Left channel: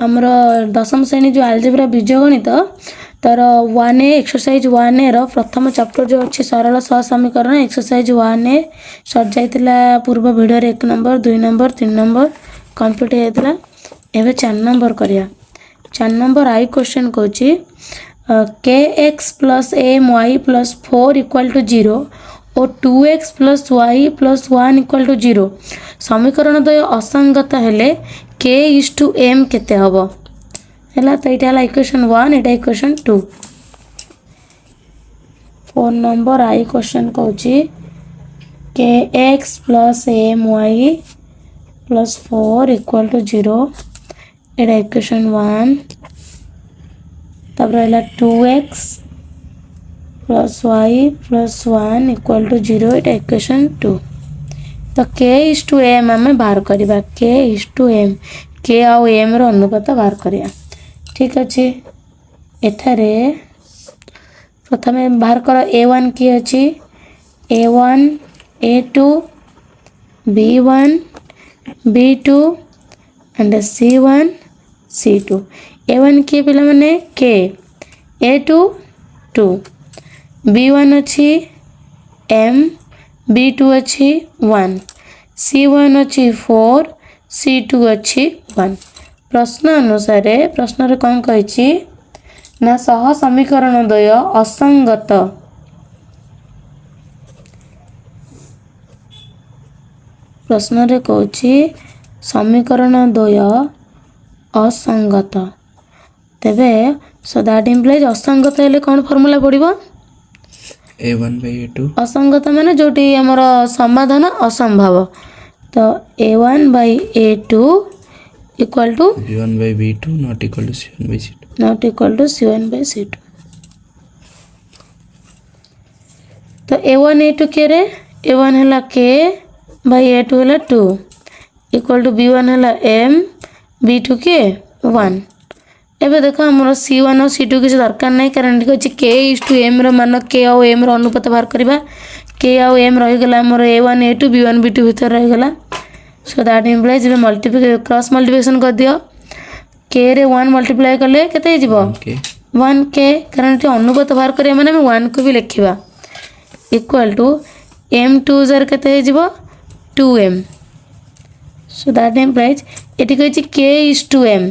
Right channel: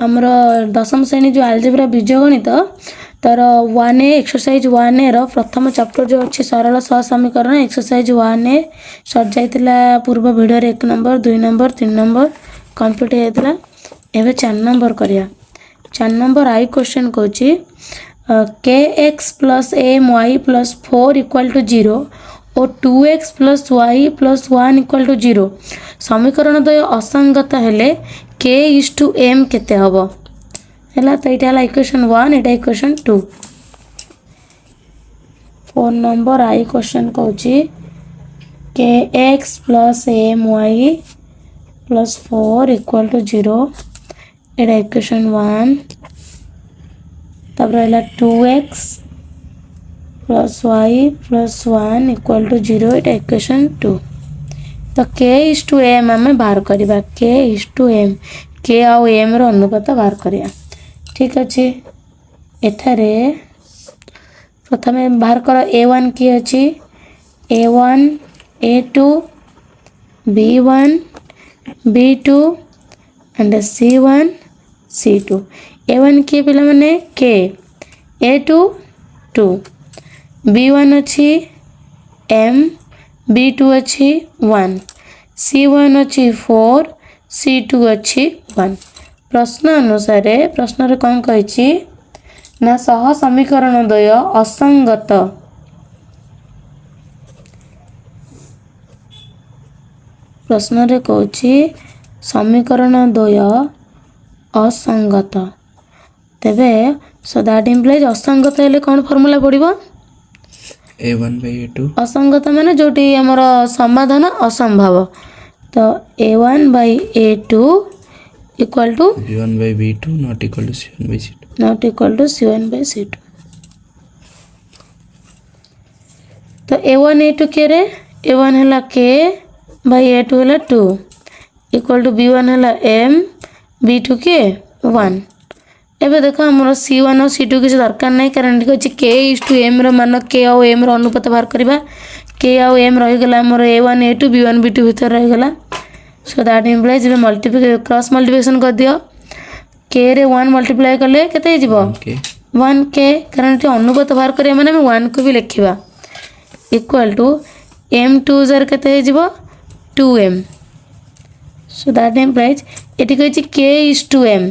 आमर दशम श्रेणी जो आलजेब्रा बीजगणित तार 1A एक्सरसाइज 1A रो प्रथम चैप्टर जो अच्छी सरल सहसमीकरण एक्सरसाइज 1A सर जाइतिला पूर्व वीडियो रे 1 नंबर 2 नंबर 3 नंबर कंप्लीट होइतिला। एबे 4 नंबर करिया। 4 नंबर आई क्वेश्चन कहूची kx plus my plus 4 equal to 0 और 2x plus y plus 1 equal to 0 समीकरण द्वय असंगत हेले k is to m केते हबो हैला। तो इटा हला इक्वेशन 1 इटा इक्वेशन 2। 4 नंबर आई क्वेश्चन कहूची kx plus my plus 4 equal to 0 इटा इक्वेशन 1। तब रहला 2x plus y plus 1 equal to 0 इटा इक्वेशन 2। तो k इज टू m आम बाहर करवा k is to m k आउ m रो अनुपात बाहर करिया। ठीक अच्छे एठारे प्रथमे बाहर कर a1 की अच्छी a1 a2 b1 b2 and c1 c2 a1 की पिला माने k a2 2 b1 अच्छी m b2 अच्छी 1 c1 अच्छी 4 c2 अच्छी 1। प्रश्न अनुसार प्रश्न रे कौन कहिछि ना सह समीकरण द्वय असंगत प्रश्न रे कहछि समीकरण द्वय असंगत तेबे सो दैट इम्प्लाइज असंगत हेले कौन फॉर्मूला पड़िबो a1 by a2 असंगत माने जोटी हमर समाधान असंभव तो a1 by a2 equal to b1 by b2 not equal to c1 by c2 not equal to c1 by c2। तो a1 a2 के रे a1 हला k by a2 हला 2 equal to b1 हला m b2 के 1। एबे देखो हमर c1 और c2 किसी दरकार नहीं कारण ठीक अछि k is to m रो मान k और m रो अनुपात बाहर करबा k और m रहि गेला हमर a1 a2 b1 b2 भीतर रहि गेला। सो दैट इम्प्लाइज बे मल्टीप्लाई क्रॉस मल्टीप्लिकेशन कर दियो k रे 1 मल्टीप्लाई करले केते हिजबो 1k कारण टी अनुपात बाहर करिया माने हम 1 को भी लिखिबा इक्वल टू m2 जर केते हिजबो 2m। सो दैट इम्प्लाइज एटी कहछि k is to m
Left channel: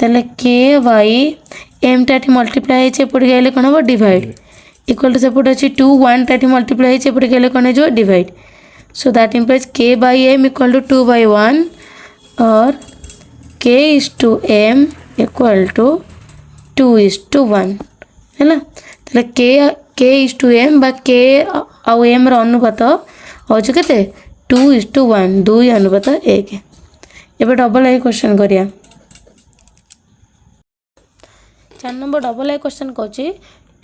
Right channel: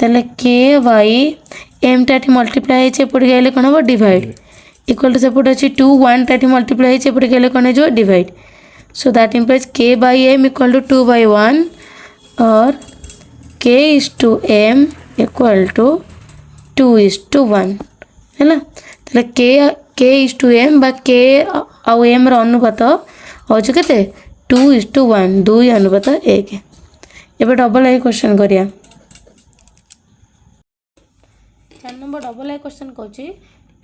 तले k बाई m टाटी मल्टीप्लाई हेचे पड़ गले कौन हम डिवाइड इक्वल टू सेपट अच्छी 2 1 टाटी मल्टीप्लाई हेचे पड़ गले कौन जो divide. So that implies k by m equal to 2 by 1 और k is to m equal to 2 is to 1 है ना। तले k इज टू m बा k आउ m रो अनुपात हो जो केते 2 इज टू 1 2 अनुपात 1। एबे डबल आई क्वेश्चन करिया। 4 नंबर डबल आई क्वेश्चन कहछि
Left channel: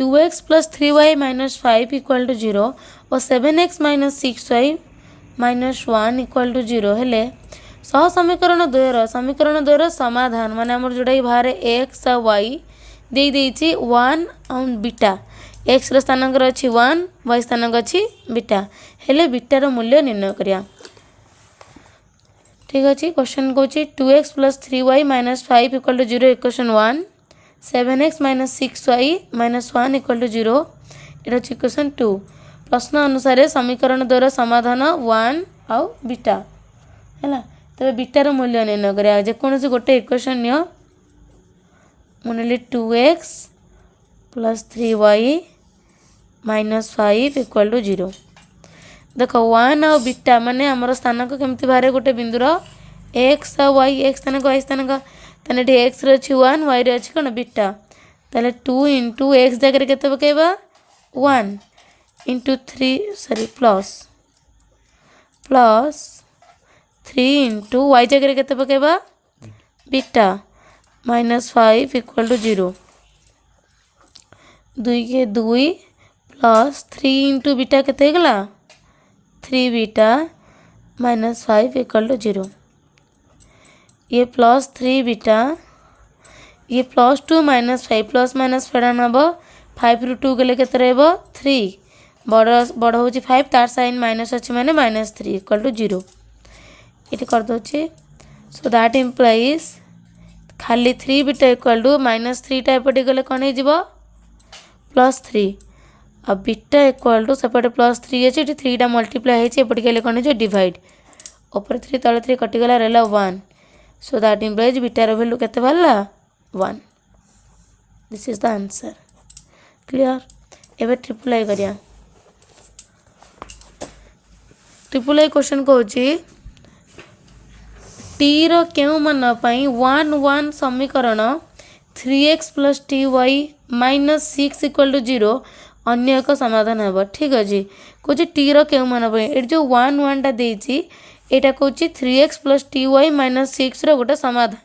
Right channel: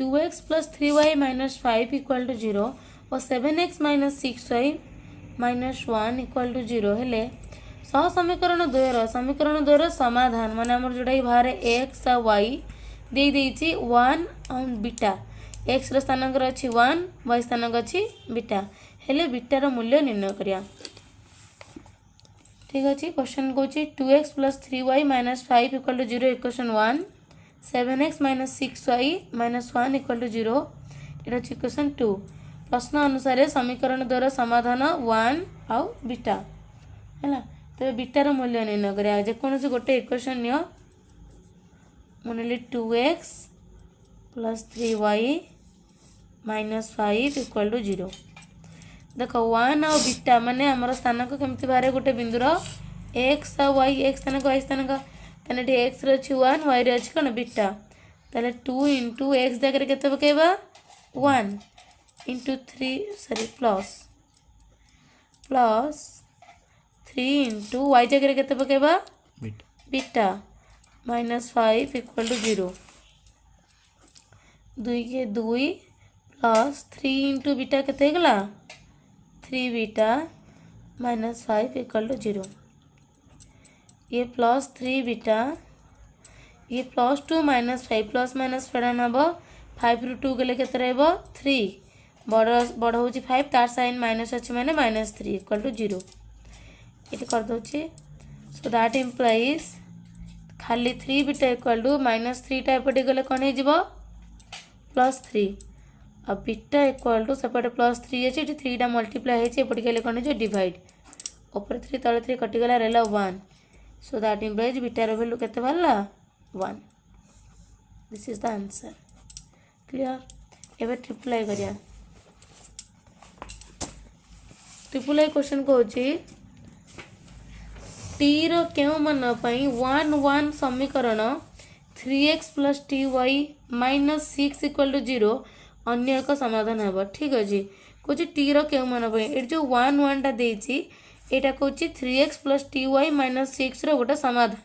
2x plus 3y minus 5 equal to 0 और 7x minus 6y minus 1 equal to 0 हेले सह समीकरण द्वयर समाधान माने हमर जोडा बाहर x और y दे देछि 1 और बीटा x रो स्थानांक अछि 1 y स्थानांक अछि बीटा हेले बीटा रो मूल्य निर्णय करिया। ठीक अछि क्वेश्चन कहछि 2x plus 3y minus 5 equal to 0 equation 1 7x minus 6y minus 1 equal to 0 इटा इक्वेशन 2। प्रश्न अनुसार समीकरण द्वारा समाधान 1 आउ बीटा हैला तबे बीटा रो मूल्य निर्णय करिया जे कोनोसी गोटे इक्वेशन नियो मनली 2x plus 3y minus 5 equal to 0 देखो 1 आउ बीटा माने हमर स्थानांक केमति बारे गोटे बिंदुर x आ y x स्थानांक y स्थानांक तने डी x रे अछि 1 y रे अछि कोन बीटा तले 2 into x जगह केते पकेबा 1 into 3 प्लस 3 into y जगह केते पकेबा बीटा minus 5 equal to 0 2 के 2 प्लस 3 into बीटा केते गला 3 बीटा minus 5 equal to 0 ये प्लस 3 बीटा ये प्लस 2 माइनस 5 प्लस माइनस फेड़ा नब 5 रु 2 गले केते रहबो 3 बड़ होची 5 तार साइन माइनस अछि माने माइनस 3 इक्वल टू 0 इट कर दोची। सो दैट इंप्लाइज खाली 3 बीटा इक्वल टू -3 एपटे गले कौन हो +3 आ बीटा इक्वल टू सेपटे +3 अच्छे 3टा मल्टीप्लाई होपटे गले कौन हो डिवाइड ऊपर 3 तले 3 कटिगला रहा 1 सो दैट इम्प्लाइज बीटार वैल्यू केते बाहरला 1 this is the answer clear एबे ट्रिपल आई करिया ट्रिपल आई क्वेश्चन कहूची टी रो केउ मान पई 1 1 समीकरण 3x + ty - 6 = 0 अन्य एक समाधान हेब ठीक अछि कहूची टी रो केउ मान पई ए जो 1 1 टा देछि एटा कहूची 3x + ty - 6 रो गोटे समाधान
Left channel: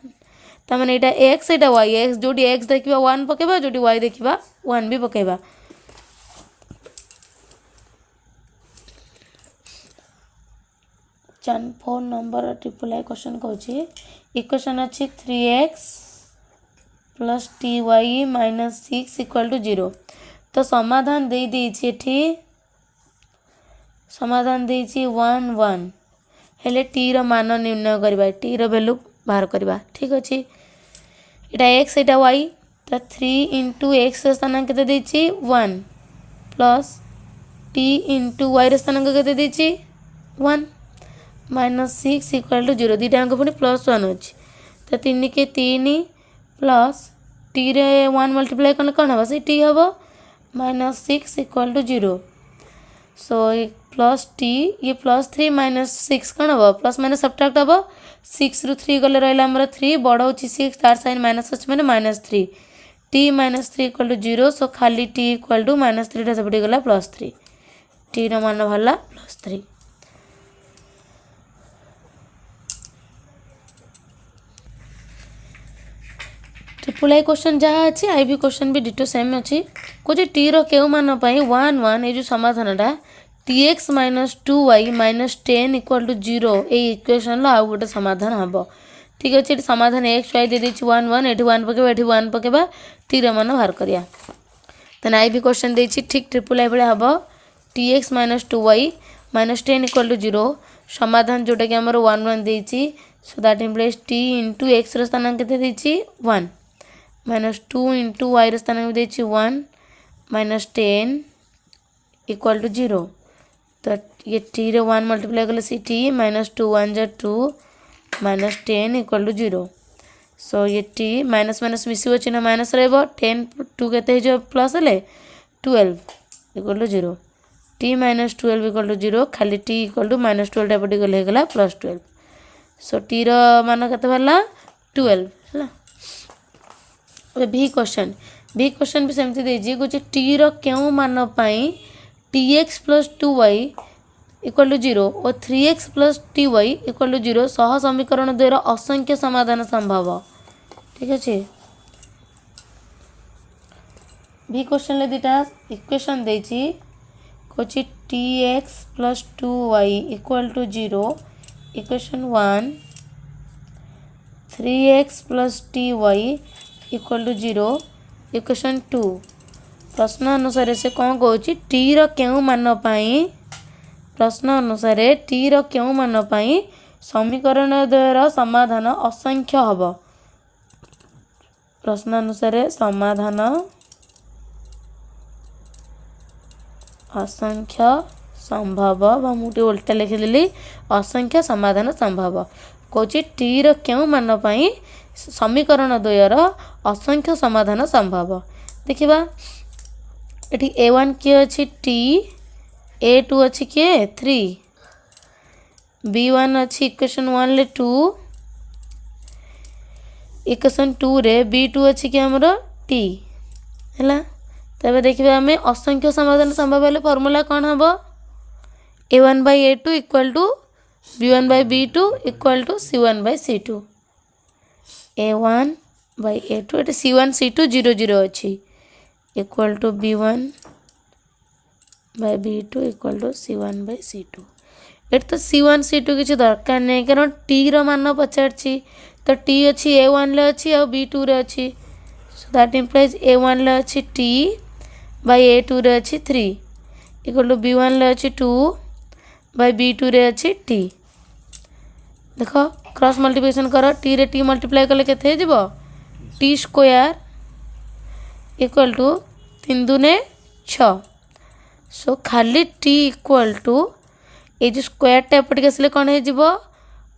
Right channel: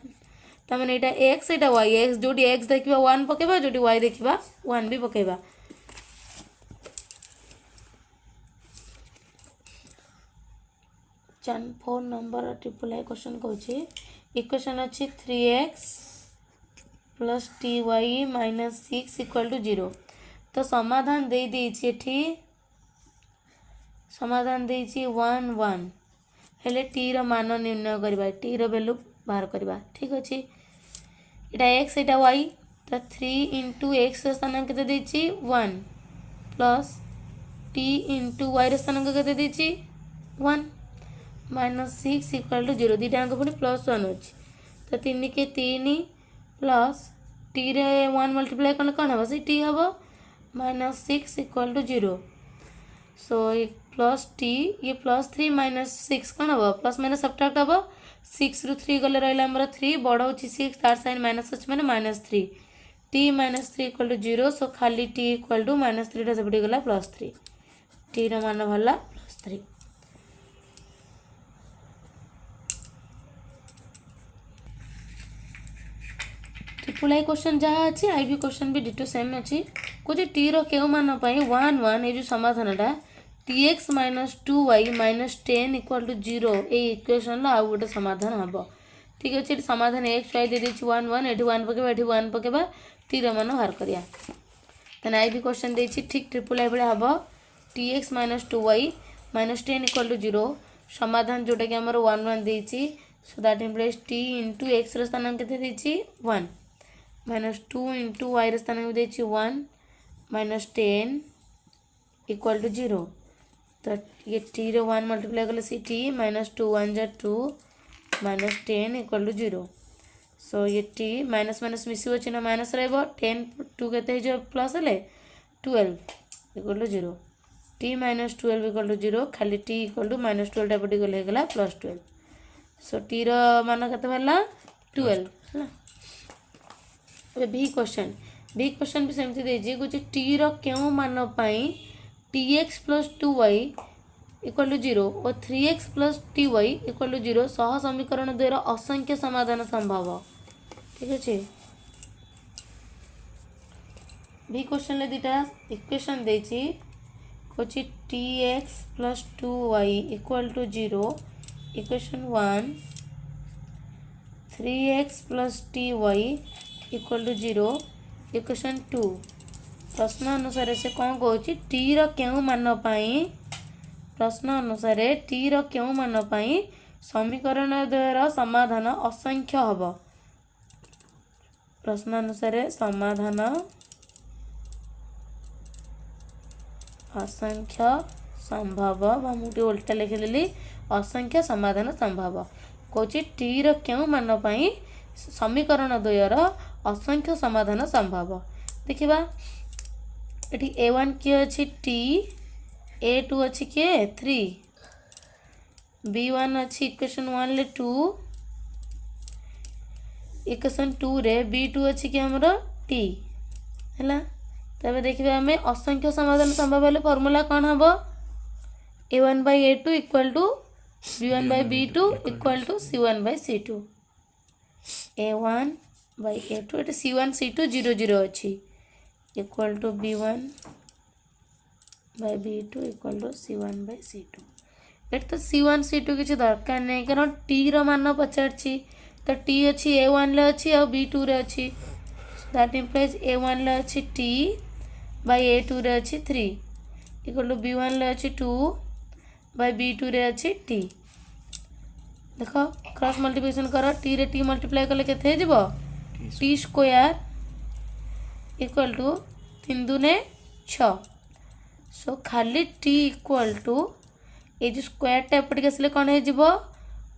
ता माने एटा x एटा y x जोडी x देखिबा 1 पकेबा जोडी y देखिबा 1 भी पकेबा चन 4 नंबर ट्रिपल आई क्वेश्चन कहूची इक्वेशन अछि 3x + ty - 6 = 0 तो समाधान दे देछि एठी समाधान देछि 1 1 हेले टी रो मान निर्णय करबा टी रो वैल्यू बाहर करबा ठीक अछि एटा x एटा y तो 3 * x रे स्थानांक केते देछि 1 प्लस t * y रे स्थानांक केते देछि 1 -6 = 0 दीटा अंक पुनी +1 अछि तो 3 के 3 प्लस t रे 1 मल्टीप्लाई करले कोन हबो से t हबो -6 = 0 सो प्लस t ये +3 - 6 कौन हम प्लस माइनस सब्ट्रैक्ट हम 6 रु 3 गले रहा आमर 3 बड़ हो 6 तार साइन माइनस अच्छे मैंने -3 t - 3 = 0 सो खाली t = -3 टा सेपटे गला +3 t रो मान भला +3 ट्रिपल आई क्वेश्चन जहाँ अच्छी आई भी क्वेश्चन भी डिटो सेम अच्छी कुछ टी रो केउ मान पाई 1 1 ये जो समाधानटा tx - 2y - 10 = 0 ए इक्वेशन लो आ गोटे समाधान हबो ठीक अछि एटी समाधान x y दे देछि 1 1 एटी 1 पकेबा एटी 1 पकेबा t रो मान बाहर करिया तन आई भी क्वेश्चन देछि ठीक ट्रिपल आई बेले हबो tx - 2y - 10 = 0 समाधान जोटा कि हमर 1 1 देछि so that implies t * x रो स्थानांक केते देछि 1 -2 * y रो स्थानांक देछि 1 -10 = 0 तो ये t रे 1 मल्टीप्लाई कले सी t -2 1 जा 2 -10 = 0 सो ये t माइनस माइनस मिसिबो चिन्ह माइनस रहबो 10 2 केते जो प्लस ले 12 = 0 t - 12 = 0 खाली t = -12 टा पटी गले गला +12 सो t रो मान केते भला 12 हला भी क्वेश्चन भी सेमती देजी कुछ टी रो केउ मान पाई tx + 2y = 0 और 3x + ty = 0 सह समीकरण द्वारा असंख्य समाधान संभव ठीक अछि भी क्वेश्चन ले दिटा इक्वेशन देछि कुछ tx + 2y = 0 equation 1 3x + ty = 0 equation 2 प्रश्न अनुसार से कौन कहूँ टी रो केउ मान पाई प्रश्न अनुसार टी रो केउ मान पाई समीकरण द्वारा समाधान असंख्य हब प्रश्न अनुसार समाधान असंख्य संभव बा मुटी उल्टा लिखिदेली असंख्य समाधान संभव कहूँ टी रो केउ मान पाई समीकरण द्वयर असंख्य समाधान संभव देखिबा एठी a1 के अछि t a2 अछि के 3 b1 अछि इक्वेशन 1 ले 2 इक्वेशन 2 रे b2 अछि के हमरो t हैला तबे देखिबा हमें असंख्य समाधान संभव हेले फार्मूला कोन हबो a1/a2 = b1/b2 = c1/c2 a1/a2 एटा c1 c2 0 0 अछि equal to b1/b2 = c1/c2 eight तो c1 c2 किसी दरकार नहीं कारण t रो मान पचारछि तो t अछि a1 ले अछि और b2 रे अछि सो दैट इंप्लाइज a1 ले अछि t बाय a2 रे अछि 3 = b1 ले अछि 2 बाय b2 रे अछि t देखो क्रॉस मल्टीप्लिकेशन करो t रे t मल्टीप्लाई कले केते हे जिवो टी स्क्वायर इक्वल टू 3 दूने 6। सो खाली टी इक्वल टू ये जो स्क्वायरटा एपटिक आसले कौन हो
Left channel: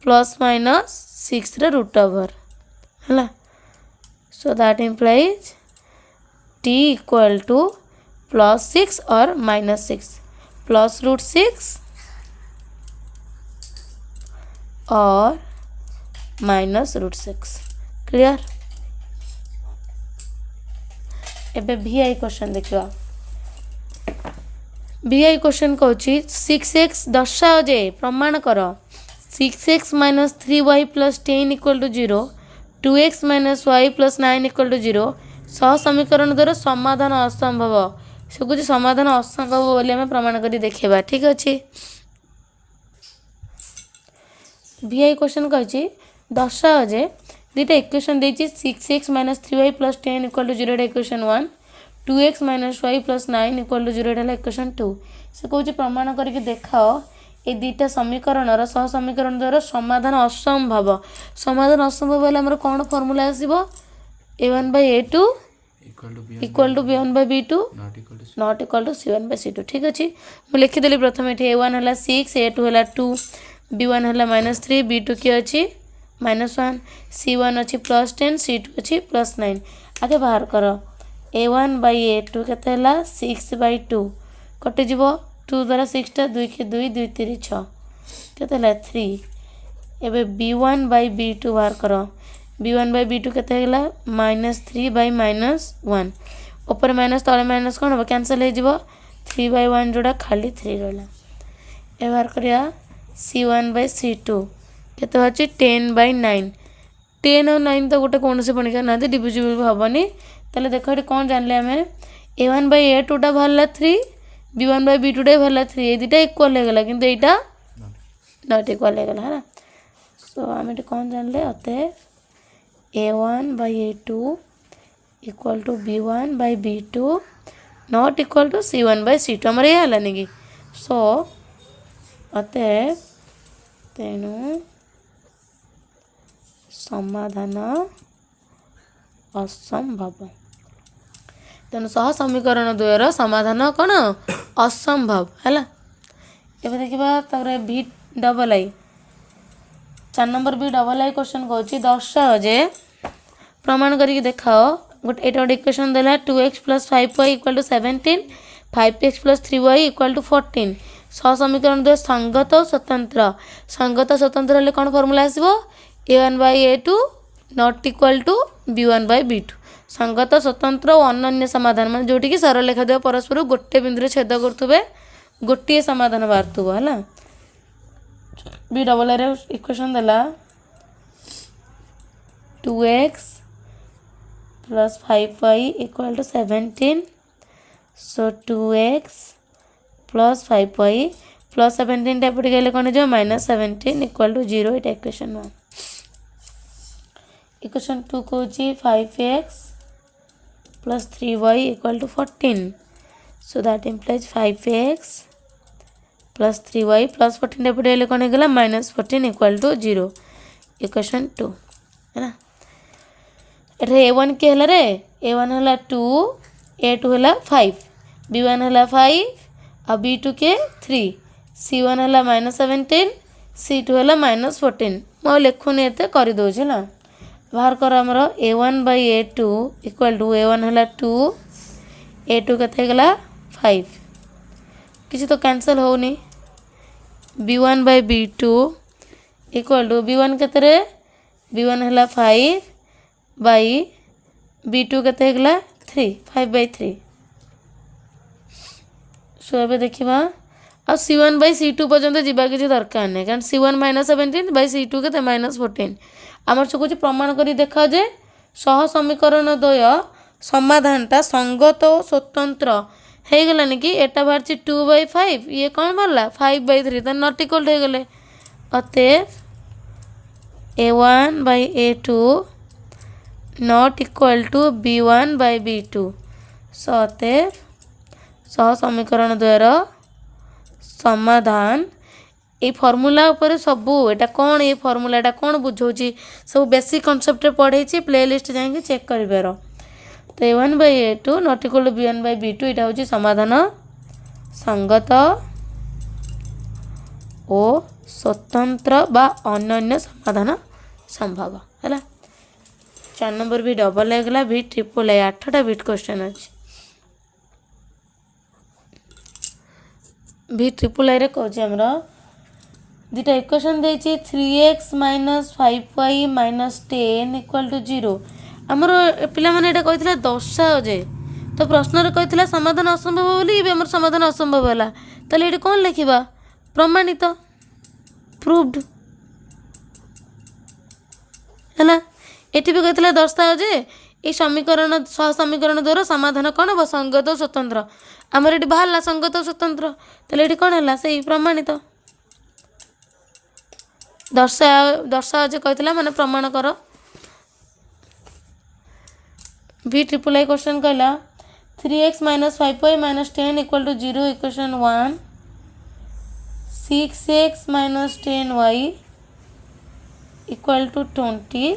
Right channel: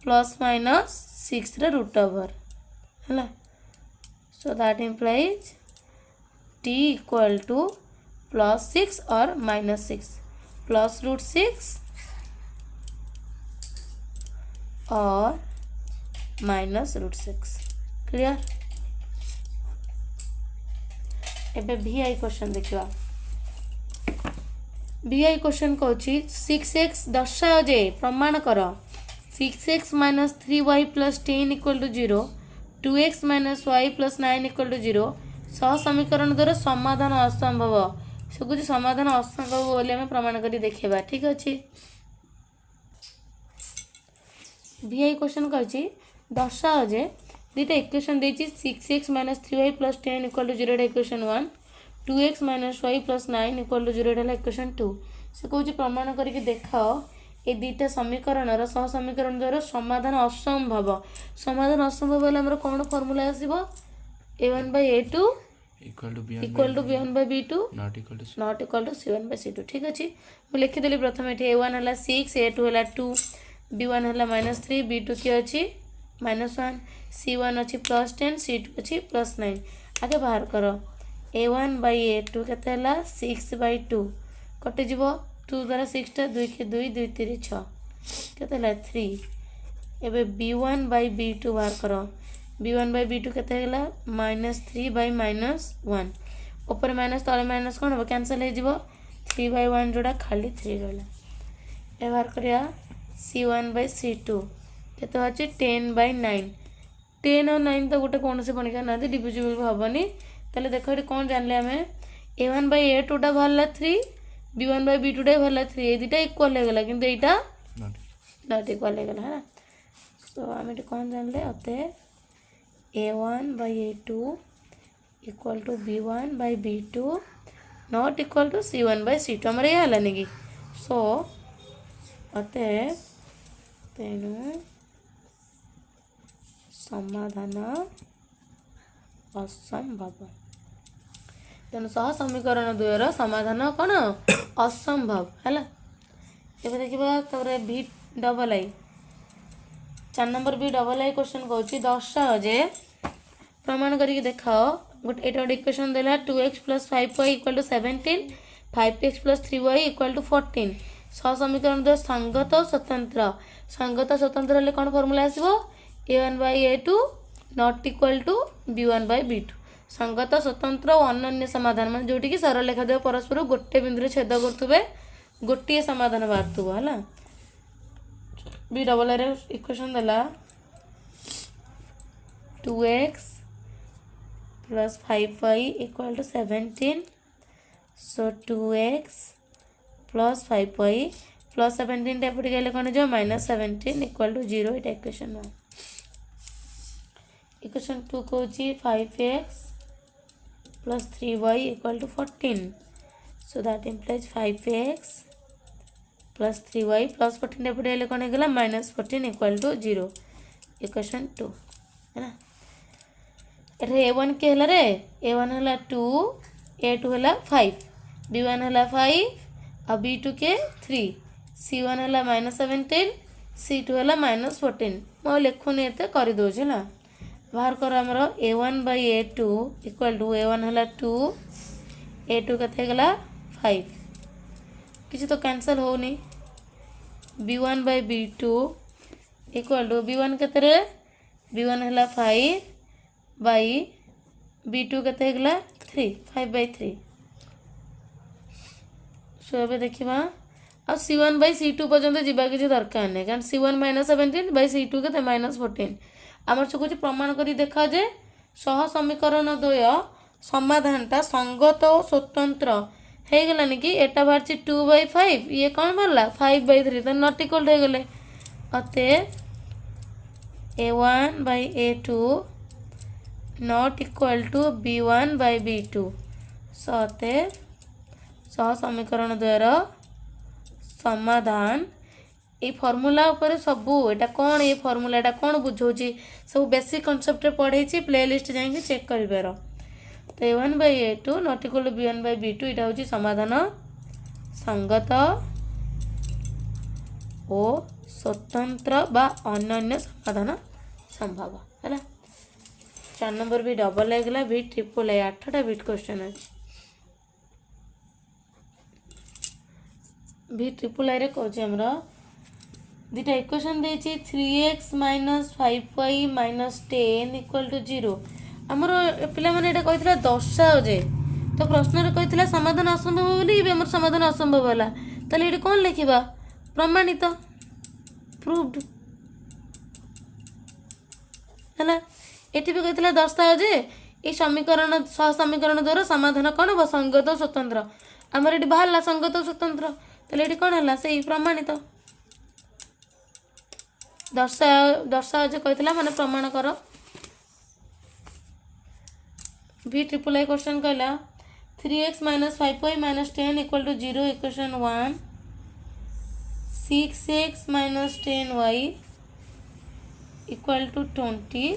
प्लस माइनस 6 रूट ओवर है। So that implies T equal to plus 6 और माइनस 6 प्लस रूट 6 और माइनस रूट 6। क्लियर। एबे VI क्वेश्चन देखियो। VI क्वेश्चन कहूँ 6x दर्शाओ जे प्रमाण कर 6x minus 3y plus 10 equal to 0 2x minus y plus 9 equal to 0 सह समीकरण द्वारा समाधान असंभव से कुछ समाधान असंभव बोली आम प्रमाण कर देखा। ठीक अच्छे। VI क्वेश्चन कही दर्शाओ जे दुईटा इक्वेशन देती 6x minus 3y plus 10 equal to 0 equation 1 2x minus y plus 9 equal to 0 equation 2 से कौन प्रमाण करके देखाओ ये दुईटा समीकरण सह समीकरण द्वारा समाधान असंभव। समाधान असंभव है आमर कौन फर्मूला आसो a1/a2 equal to b1/b2 not equal to c1/c2। ठीक अच्छे। मुझे लिखिदेली प्रथम ये a1 है 6 a2 है 2 b1 है -3 b2 किए अच्छी -1 c1 अच्छी प्लस 10 c2 अच्छी प्लस 9। आगे बाहर कर a1/a2 के 6/2 कटिज 2 द्वारा 6टा 2 के 2 2 3 6 के 3 एवं b1/b2 बाहर कर b1/b2 के -3/-1 ऊपर माइनस तले माइनस कौन हम कैनसल हो 3/1 जोड़ा खाली 3 रहा। ए बाहर करिया c1/c2 के 10/9 10 और 9 तो गोटे कौन से पणिका ना डिविजिबल हेनी। ताले देख ये कौन जानले आम a1/a2 टा बाहर 3 b1/b2 टा बाहर 3 ये दुटा इक्वाल हो गला किंतु एटा नॉट इक्वाल हो गला है। सो आम ये कौन जानले अते a1/a2 equal to b1/b2 not equal to c1/c2 आमर ये हलानी कि। सो अते तेणु समाधान असंभव। तेणु सह समीकरण द्वयर समाधान कौन असंभव है। एवं देखा तब v∆i 4 नंबर v∆i क्वेश्चन कौन दर्शाओ जे प्रमाण करके देखाओ गोटे ये गोटे इक्वेशन देला 2x plus 5y equal to 17 5x plus 3y equal to 14 सह समीकरण द्वय संगत और स्वतंत्र। संगत स्वतंत्र हेल्ले कौन फर्मूला आसो a1/a2 not equal to b1/b2 संगत स्वतंत्र और अनन्य समाधान मान जोटी कि सरल रेखा द्वय परस्पर गोटे बिंदु छेद करुवे गोटे समाधान बाहर है। v∆i इक्वेशन देला 2x plus 5y equal to 17 so 2x plus 5y plus 17 type गले कौन जो -17 इक्वल टू 0 ये इक्वेशन 1। इक्वेशन 2 कौन 5x plus 3y equal to 14 so that implies 5x plus 3y plus 14 type गले कौन गला -14 इक्वल टू 0 इक्वेशन 2 है ना। ये a1 के हला रे a1 हला 2 a2 हला 5 b1 हला 5 और b2 के 3 c1 हला -17 c2 हला -14 मैं लिखुनी एते कर दौचे ना। बाहर कर आमर a1/a2 इक्वल टू a1 हला 2 a2 के गला 5 किसी तो कैंसल होनी b1/b2 इक्वल टू b1 के b1 हला 5 बाई b2 के गला 3 5/3 सो ए देखा आ c1/c2 पर्यंत जीवा किसी दरकार नहीं कारण c1 -17/c2 के -14 आमर से कुछ प्रमाण कर देखा जे सह समीकरण द्वय समाधानटा संगत और स्वतंत्र हो गलानी कि एटा बाहर 2/5 ये कौन बाहर 5/3 तो नॉट इक्वल हो गले अतएव a1/a2 not equal to b1/b2 सो अतएव सह समीकरण द्वयर समाधान ये फर्मूला ऊपर सबू एटा कौन ये फर्मूला एटा कौन बुझाऊँगी सब बेसिक कनसेप्ट पढ़े प्ले लिस्ट जाइए चेक कर। तो a1/a2 not equal to b1/b2 यहाँ हूँ समाधान संगत और स्वतंत्र बा अन्य समाधान संभव है। 4 नंबर भी डबल होगा भी ट्रिपल ए 8टा बिट क्वेश्चन अच्छे भी ट्रिपल आई कौच आमर दुटा इक्वेशन देती 3x - 5y - 10 इक्वल टू 0 आमर पे कही दर्शाओ जे तो प्रश्न कही समाधान असंभव बोली आम समाधान असंभव है ताले ये कौन लिखा प्रमाणित प्रूव्ड है। ये भी कही दर्शाओ जे ये समीकरण सहसमीकरण द्वारा समाधान कौन हम संगत और स्वतंत्र आमर ये बाहर संगत और स्वतंत्र ताले ये कौन है से प्रमाणित दर्शाओ जे कही मैंने प्रमाण कर। भी ट्रिपल आई क्वेश्चन कहला 3x - 5y - 10 equal to 0 equation 1 6x - 10y equal to 20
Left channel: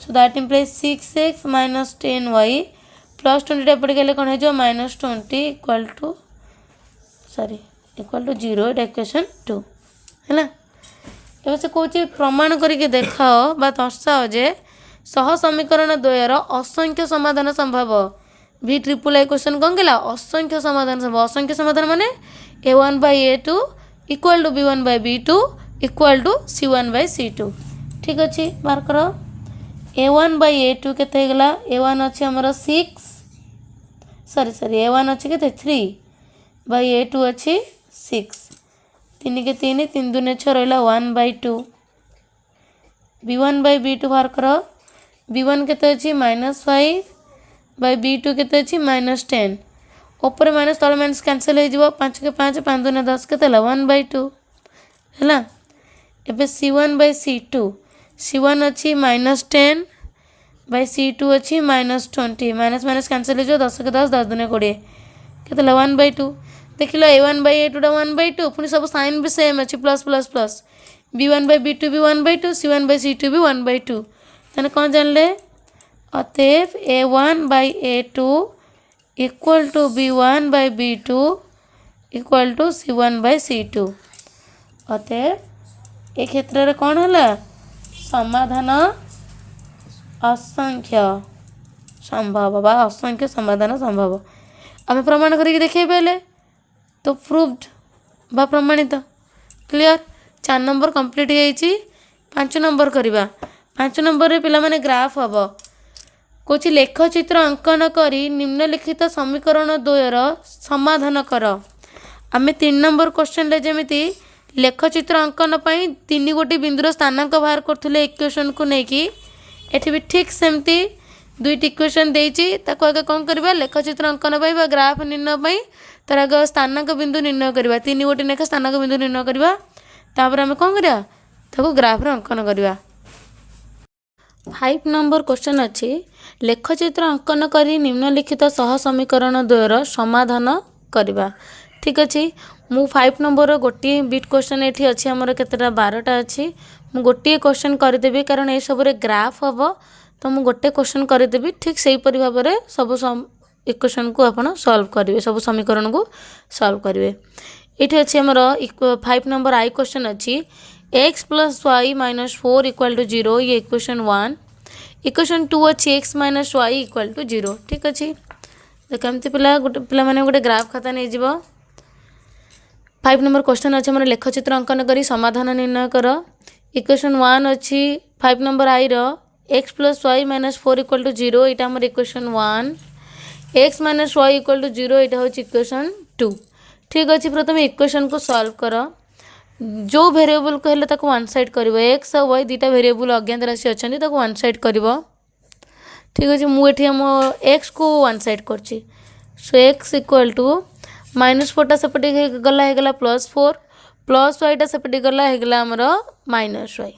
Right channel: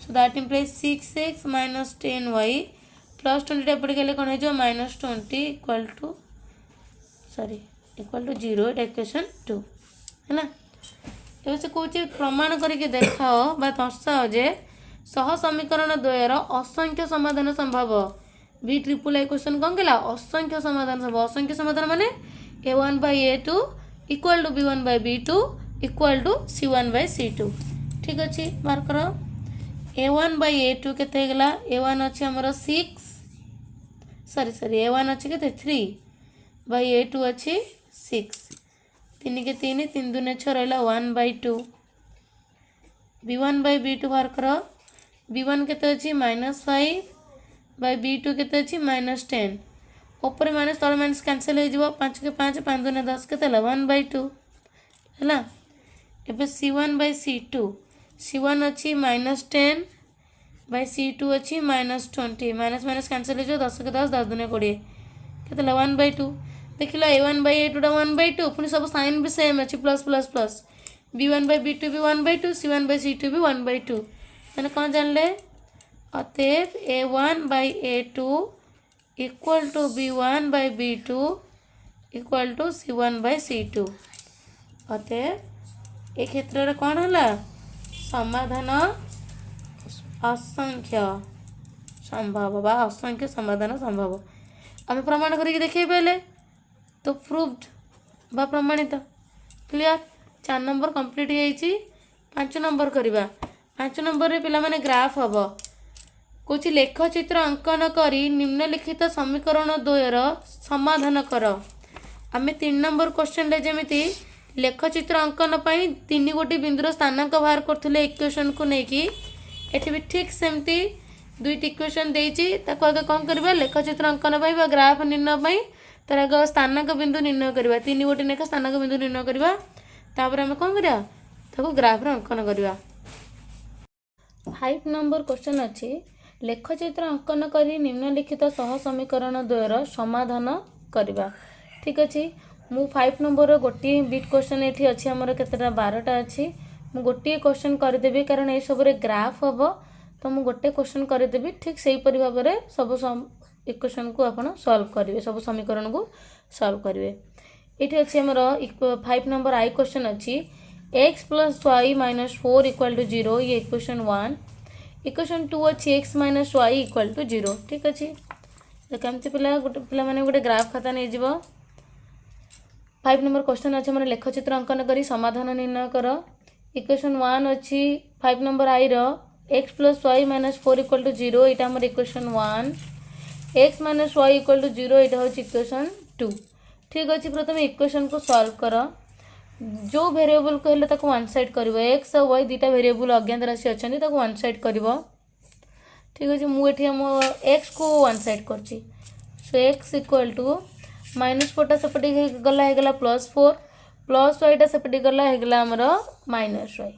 so that implies 6x - 10y plus 20 एपटे गले कौन हो -20 equal to sorry equal to 0 equation 2 है। ये से कौन प्रमाण करके देखाओ बा दर्शाओ जे सह समीकरण द्वयर असंख्य समाधान संभव। भी ट्रिपल आई क्वेश्चन कौन कहला असंख्य समाधान संभव असंख्य समाधान माने a1/a2 equal to b1/b2 equal to c1/c2 ठीक अच्छे मार्क करो। a1/a2 केते गला a1 अच्छे हमर 6 सॉरी a1 अच्छे केते 3/a2 अच्छे 6 3 के 3 3 दूने 6 रहा 1/2 b1/b2 बाहर करो b1 केते अच्छी -5/b2 केते अच्छी -10 ऊपर माइनस तले माइनस कैंसिल हो 5 के 5 5 दूने 10 केते 1/2 है। एबे c1/c2 c1 अच्छी -10/c2 अच्छी -20 माइनस माइनस कैंसिल हो 10 के 10 10 दूने 20 केते 1/2 देख लो a1/a2 1/2 पुणी सब साइन भी सेम अच्छी प्लस प्लस प्लस b1/b2 भी 1/2 c1/c2 भी 1/2 तेने कौन जानले अतएव a1/a2 equal to b1/b2 equal to c1/c2 अतएव ए क्षेत्र में कौन है समाधान असंख्य संभव बा असंख्य समाधान संभव आम प्रमाण करके देखे पहले तो प्रूव्ड बा प्रमाणित क्लियर 4 नंबर कंप्लीट हो 5 नंबर करवा 5 नंबर रे पिला माने ग्राफ हम कौच लेखचित्र अंकन करी निम्नलिखित समीकरण द्वयर समाधान कर। आम 3 नंबर क्वेश्चन रे जमी लेखचित्र अंकन पर 3 गोटी बिंदुर स्थानांक बाहर करते इक्वेशन को लेकिन एठी भी ठीक सेमती 2टी इक्वेशन देती आगे कौन करवा लेखचित्र अंकन पर ग्राफ निर्णय तार आगे स्थानांक बिंदु निर्णय करवा 3 गोटी लेखा स्थानांक बिंदु निर्णय करवा तापर आम कौन करा ग्राफ रे अंकन करवा। 5 नंबर क्वेश्चन अच्छी लेखचित्र अंकन करी निम्नलिखित सह समीकरण द्वयर समाधान करवा ठीक अच्छे मु 5 नंबर गोटे बिट क्वेश्चन ये अच्छी आमर केतेटा 12टा अच्छी मु गोटे क्वेश्चन करदेवी कारण ये सब ग्राफ हम तो मु गोटे क्वेश्चन करदेवी ठीक से भाव में सब इक्वेशन को आप सॉल्व करेंगे सब समीकरण को सॉल्व करेंगे। ये अच्छे आमर 5 नंबर आई क्वेश्चन अच्छी x + y - 4 इक्वल टू 0 ये इक्वेशन 1 इक्वेशन 2 अच्छी x - y इक्वल टू 0 ठीक अच्छे तो कमती पिला मैंने गोटे ग्राफ खाता नहीं जीव 5 नंबर क्वेश्चन अच्छे आम लेखचित्र अंकन करी समाधान निर्णय कर इक्वेशन 1 अच्छी 5 number I x + y - 4 equal to 0 यहाँ आम equation 1 x - y equal to 0 यहाँ हूँ इक्वेशन 2 ठीक अच्छे प्रथम इक्वेशन को सॉल्व कर जो वेरिएबल कहले ताको वन साइड करिवो x और y दुटा वेरिएबल अज्ञात राशि अच्छे ताको वन साइड करिवो ठीक अच्छे मुझे हम x को वन साइड करछि सो x इक्वल टू -4टा सेपटे गला +4 प्लस वाईटा सेपटे गला आमर -y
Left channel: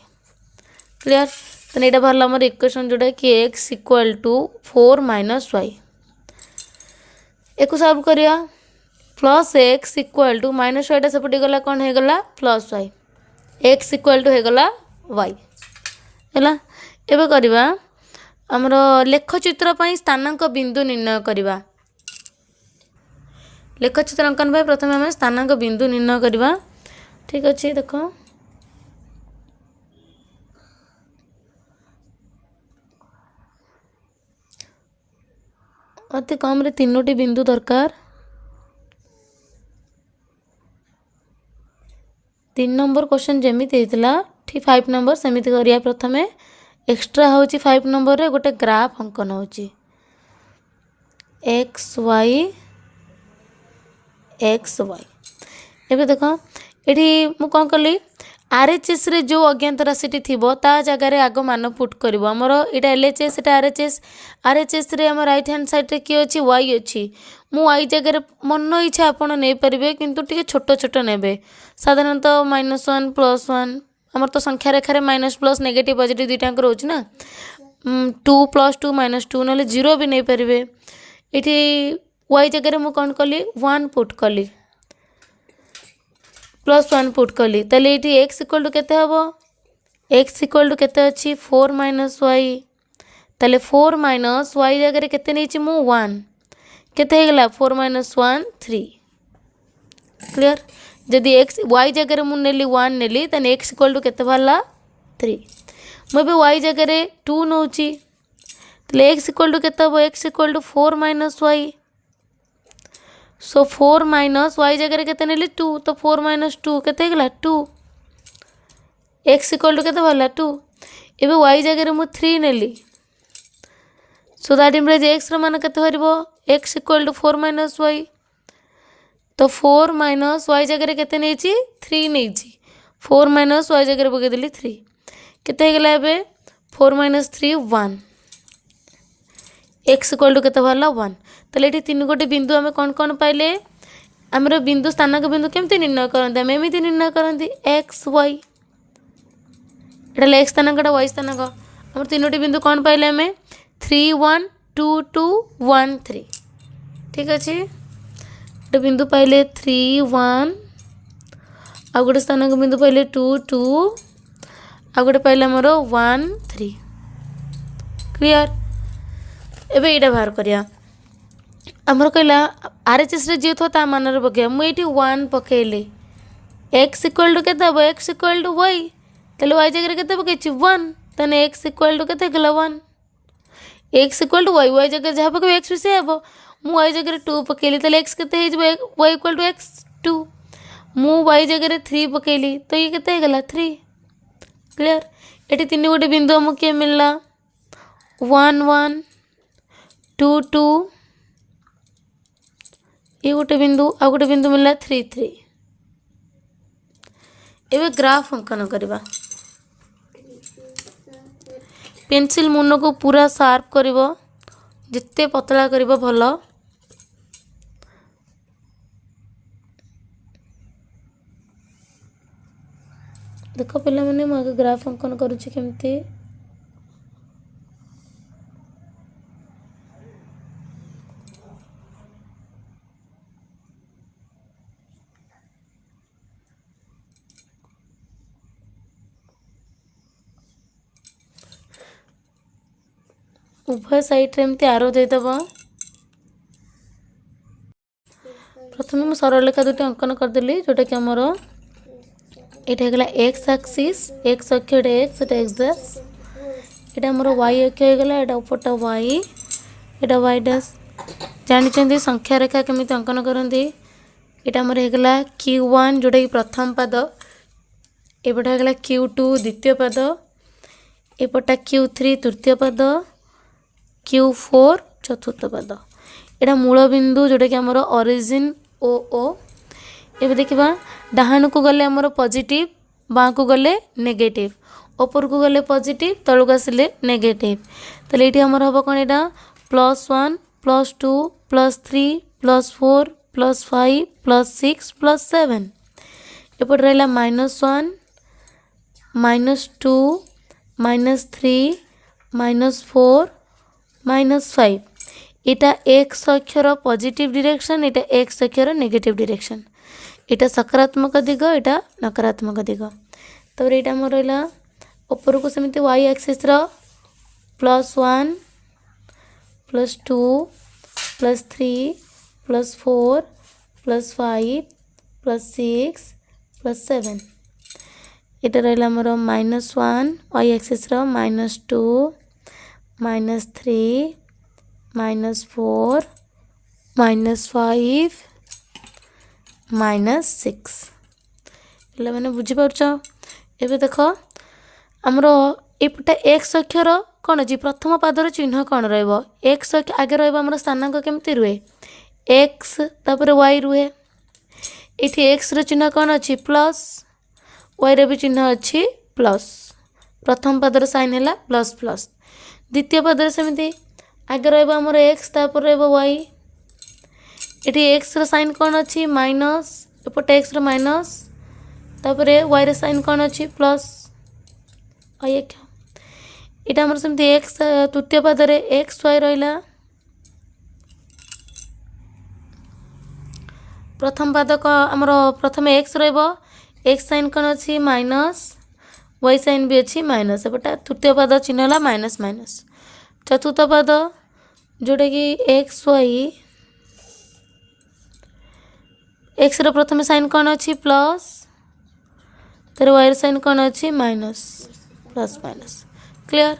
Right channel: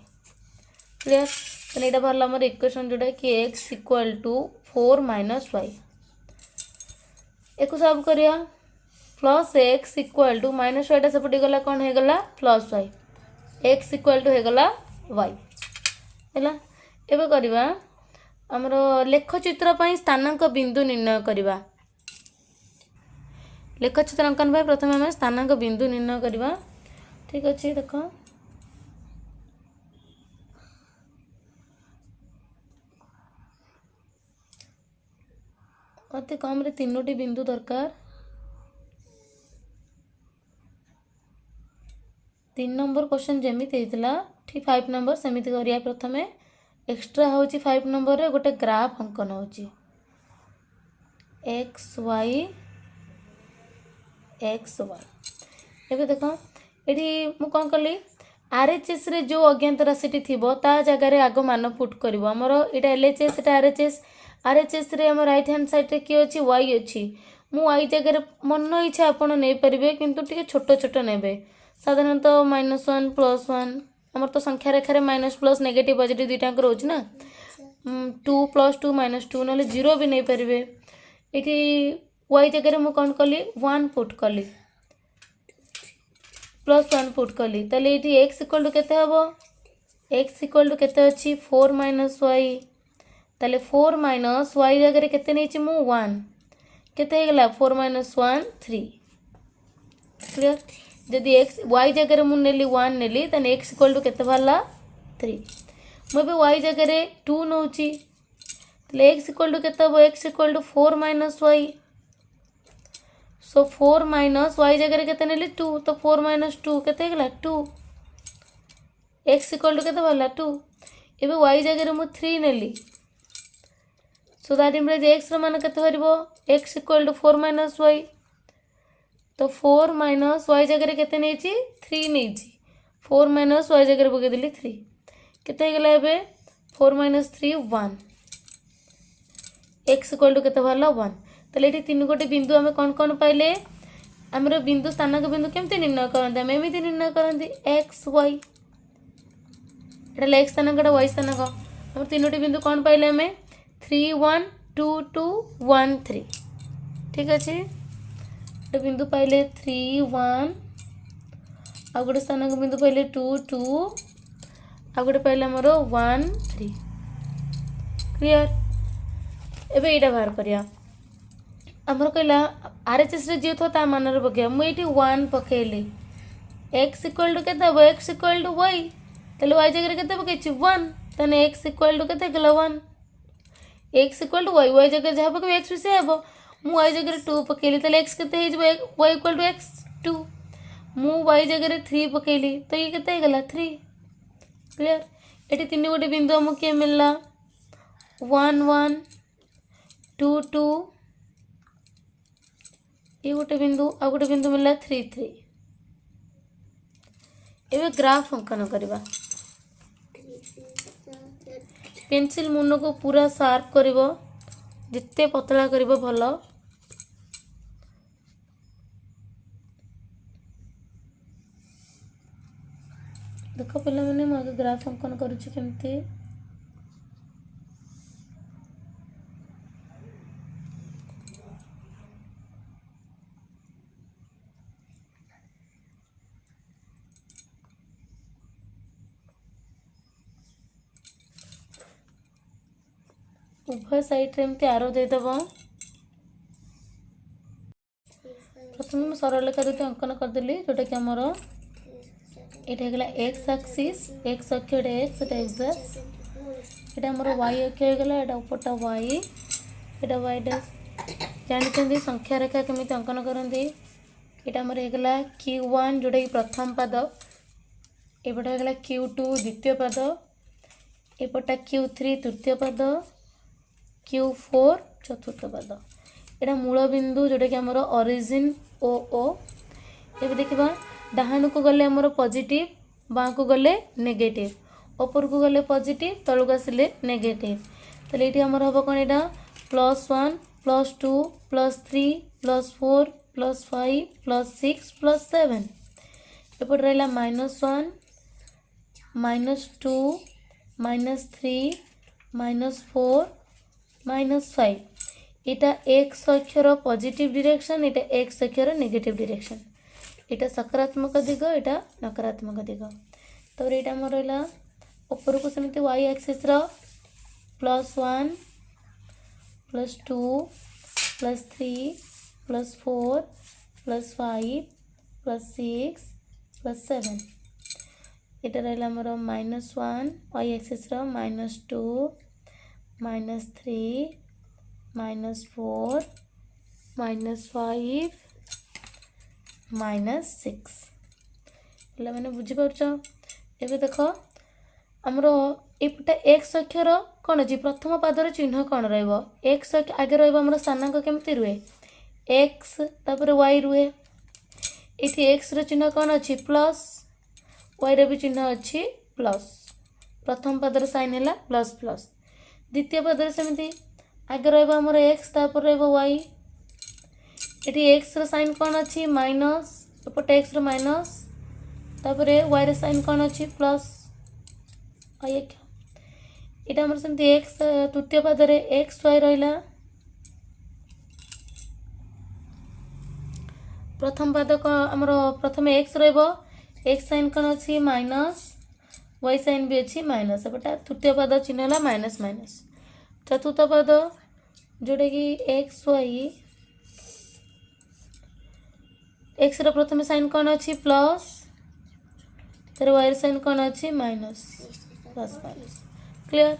क्लियर तो यहाँ बाहर आमर इक्वेशन जोटा कि x इक्वल टू 4 - y एक सॉल्व करिया प्लस x इक्वल टू -yटा सेपटे गला कौन हो गला +y एक्स इक्वाल टू होगला वाई है। एबे करवा आमर लेखचित्र पर स्थानांक बिंदु निर्णय करवा। लेखचित्रांकन भाई प्रथम आम स्थानांक बिंदु निर्णय करवा। ठीक अच्छे देख अति कम रे 3टी बिंदु दरकार। 3 नंबर क्वेश्चन जमीती होता ठीक 5 नंबर सेमिति करिया। प्रथम एक्स्ट्रा हूँ 5 नंबर रे गोटे ग्राफ अंकन हो एक्स वाई एबे देख ये मुझे कौन कली आरएचएस रे जो अज्ञात राशि थी ता जगार आग मान पुट कर आमर यहाँ एलएचएस एटा आरएचएस रे आम राइट हैंड साइड रे किए अच्छी वाई अच्छी मु वाई जगह मन इच्छा आपड़ नहीं पारे किंतु टी छोट छोट ने साधारणतः -1 +1 आमर तो संख्या रेखार माइनस प्लस नेगेटिव पॉजिटिव दुईटा रोच ना 2 + 2 -2 ना 0 भी नहीं पारे। ये वाई जगह मुझे कौन कली 1 पुट कली +1 पुट कली ताले ये एक्स इक्वल टू केते हबो एक्स इक्वल टू केते अच्छी 4 - वाई ताले 4 - वाई जगह केते नहीं मु 1 केते हेगला 4 - 1 3 क्लियर। जदि एक्स वाई जगह मुझे नेली 1 नेली ताने एक्स इक्वल टू केते बाहरला 3 मुझे वाई जगह 2 नौची ताले एक्स इक्वल टू केते हबो x equal to 4 - y so 4 - y जगह केते नेली 2 तो 4 - 2 केते हेगला 2 एक्स इक्वल टू केते बाहरला 2 एबे वाई जगह मु 3 नेली सो दैट इम्प्लाइज एक्स रो मान केते बाहरिबो एक्स इक्वल टू 4 - वाई तो 4 - वाई जगह केते नेची 3 नेची 4 - वाई जगह पके देली 3 केते हेगला एबे 4 - 3 1 एक्स इक्वल टू केते बाहरला 1 ताले एठी 3 गोटे बिंदु आमे कौन कौन पाइले आमर बिंदु स्थानांक बिंदु केमती निर्णय करते आम एमती निर्णय करते एक्स वाई एटा एक्स स्थानांक वाई स्थानांक आम 3टी बिंदु कौन पाइले आम 3 1 2 2 1 3 ठीक अच्छे गोटे बिंदु पाइले 3 1 आ गोटे स्थानांक बिंदु पाइले 2 2 आ गोटे पाइले आमर 1 3 क्लियर। एबे ये बाहर करिया आमर कहला आरएचएस रे जे था मान पकड़ मुझे 1 पकेली एक्स इक्वल टू केते हबो एक्स इक्वल टू वाई ताले वाई जगह केते पकेछि 1 ताने एक्स इक्वल टू केते गला 1 एक्स इक्वल टू वाई जगह जहाँ पके एक्स भी से हबो मु वाई जगह 2 पकेली ताले एक्स केते हे जबो वाई इक्वल टू एक्स 2 मु वाई जगह 3 पकेली तो ये केते हे गला 3 क्लियर। एटी 3 गोटे बिंदु हमको के मिलला 1 1 2 2 ये गोटे बिंदु आ गोटे बिंदु मिलला 3 3 एबे ग्राफ अंकन करवा पेंसिल मुन को पूरा शार्प करिवो जिते पतला करिवो भलो देख पिला माने मु आगे ग्राफ अंकन करूची केमती उभय साइड रे एमती आरो देदेव प्रथम मुझे सरल रेखा दुटी अंकन करदेली जोटा कि आमर ये एक्स एक्सिस एक्स अक्ष एक्स एक्स डैश यहाँ आमर वाई अक्ष होगा यहाँ उपरटा वाई यहाँ वाई डैश जानते संख्या रेखा केमी अंकन करती यहाँ आमर होगा Q1 जोटा कि प्रथम पाद एपटा होगा Q2 द्वितीय पाद एपटा Q3 तृतीय पाद Q4 चतुर्थ पाद यहाँ मूल बिंदु जोटा कि आमर ओरिजिन ओ ओ ये देखा डाहाण को गले आमर पॉजिटिव बाँ को गले नेगेटिव ऊपर को गले पॉजिटिव तलक आसिले नेगेटिव ताले ये आमर हम कौन यहाँ +1 +2 +3 +4 +5 +6 +7 एपट रहा -1 -2 -3 -4 -5 इटा एक्स अक्षर पॉजिटिव डायरेक्शन इटा एक्स अक्षर नेगेटिव डायरेक्शन इटा सकारात्मक दिग इटा नकारात्मक दिग ତାପରେ ଏଇଟା ଆମର ରହିଲା ଉପରକୁ ସେମିତି y ଆକ୍ସିସ୍ର +1 +2 +3 +4 +5 +6 +7 এটা রইলা আমার -1 y axis ର -2 -3 -4 -5 -6 ପିଲାମାନେ ବୁଝିପାରୁଛ। ଏବେ ଦେଖ ଆମର ଏପଟେ x ଅକ୍ଷର କ'ଣ ଅଛି ପ୍ରଥମ ପାଦର ଚିହ୍ନ କ'ଣ ରହିବ x ଆଗେ ରହିବ ଆମର ସ୍ଥାନାଙ୍କ କେମିତି ରୁହେ x ତାପରେ y ରୁହେ ଏଠି x ର ଚିହ୍ନ କ'ଣ ଅଛି ପ୍ଲସ୍ y ର ବି ଚିହ୍ନ ଅଛି ପ୍ଲସ୍ ପ୍ରଥମ ପାଦର ସାଇନ୍ ହେଲା ପ୍ଲସ୍ ପ୍ଲସ୍ ଦ୍ୱିତୀୟ ପାଦରେ ସେମିତି ଆଗେ ରହିବ ଆମର x ତାପରେ ରହିବ y ଏଠି x ର ସାଇନ୍ କ'ଣ ଅଛି ମାଇନସ୍ ଏପଟେ x ର ମାଇନସ୍ ତାପରେ y ର ସାଇନ୍ କ'ଣ ଅଛି ପ୍ଲସ୍ y ଏଇଟା ଆମର ସେମିତି x ତୃତୀୟ ପାଦରେ x y ରହିଲା प्रथम पाद आमर प्रथम एक्स एक्स साइन कौन अच्छी माइनस वाई साइन भी अच्छी माइनस एपटा तृतीय पाद चिन्ह है माइनस माइनस चतुर्थ पाद जोटा कि एक्स वाई एक्स प्रथम साइन कौन अच्छी प्लस तर वाई साइन कौन अच्छी माइनस प्लस माइनस क्लियर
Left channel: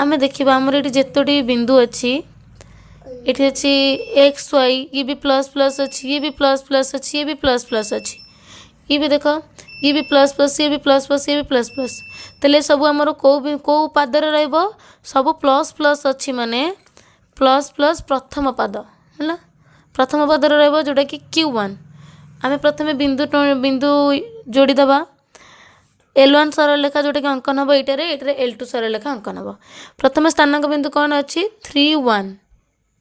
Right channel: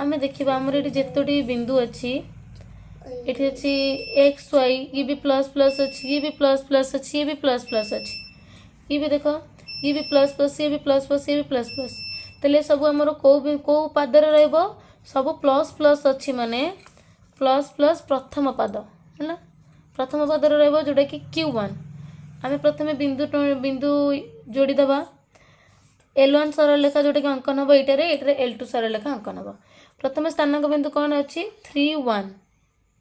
आम देखा आमर ये जितोटी बिंदु अच्छी ये अच्छी एक्स वाई ये भी प्लस प्लस अच्छी ये भी प्लस प्लस अच्छी ये भी प्लस प्लस अच्छी ये भी देख ये भी प्लस प्लस ये भी प्लस प्लस ये भी प्लस प्लस तेल सब आमर कौ पादर सब प्लस प्लस अच्छी माने प्लस प्लस प्रथम पाद है प्रथम पादर जोटा कि Q1 आम प्रथम बिंदु बिंदु जोड़ीदबा L1 सरलरेखा जोटा कि अंकन हम ये L2 सरलरेखा अंकन हम प्रथम स्थानांक बिंदु कौन अच्छी 3 1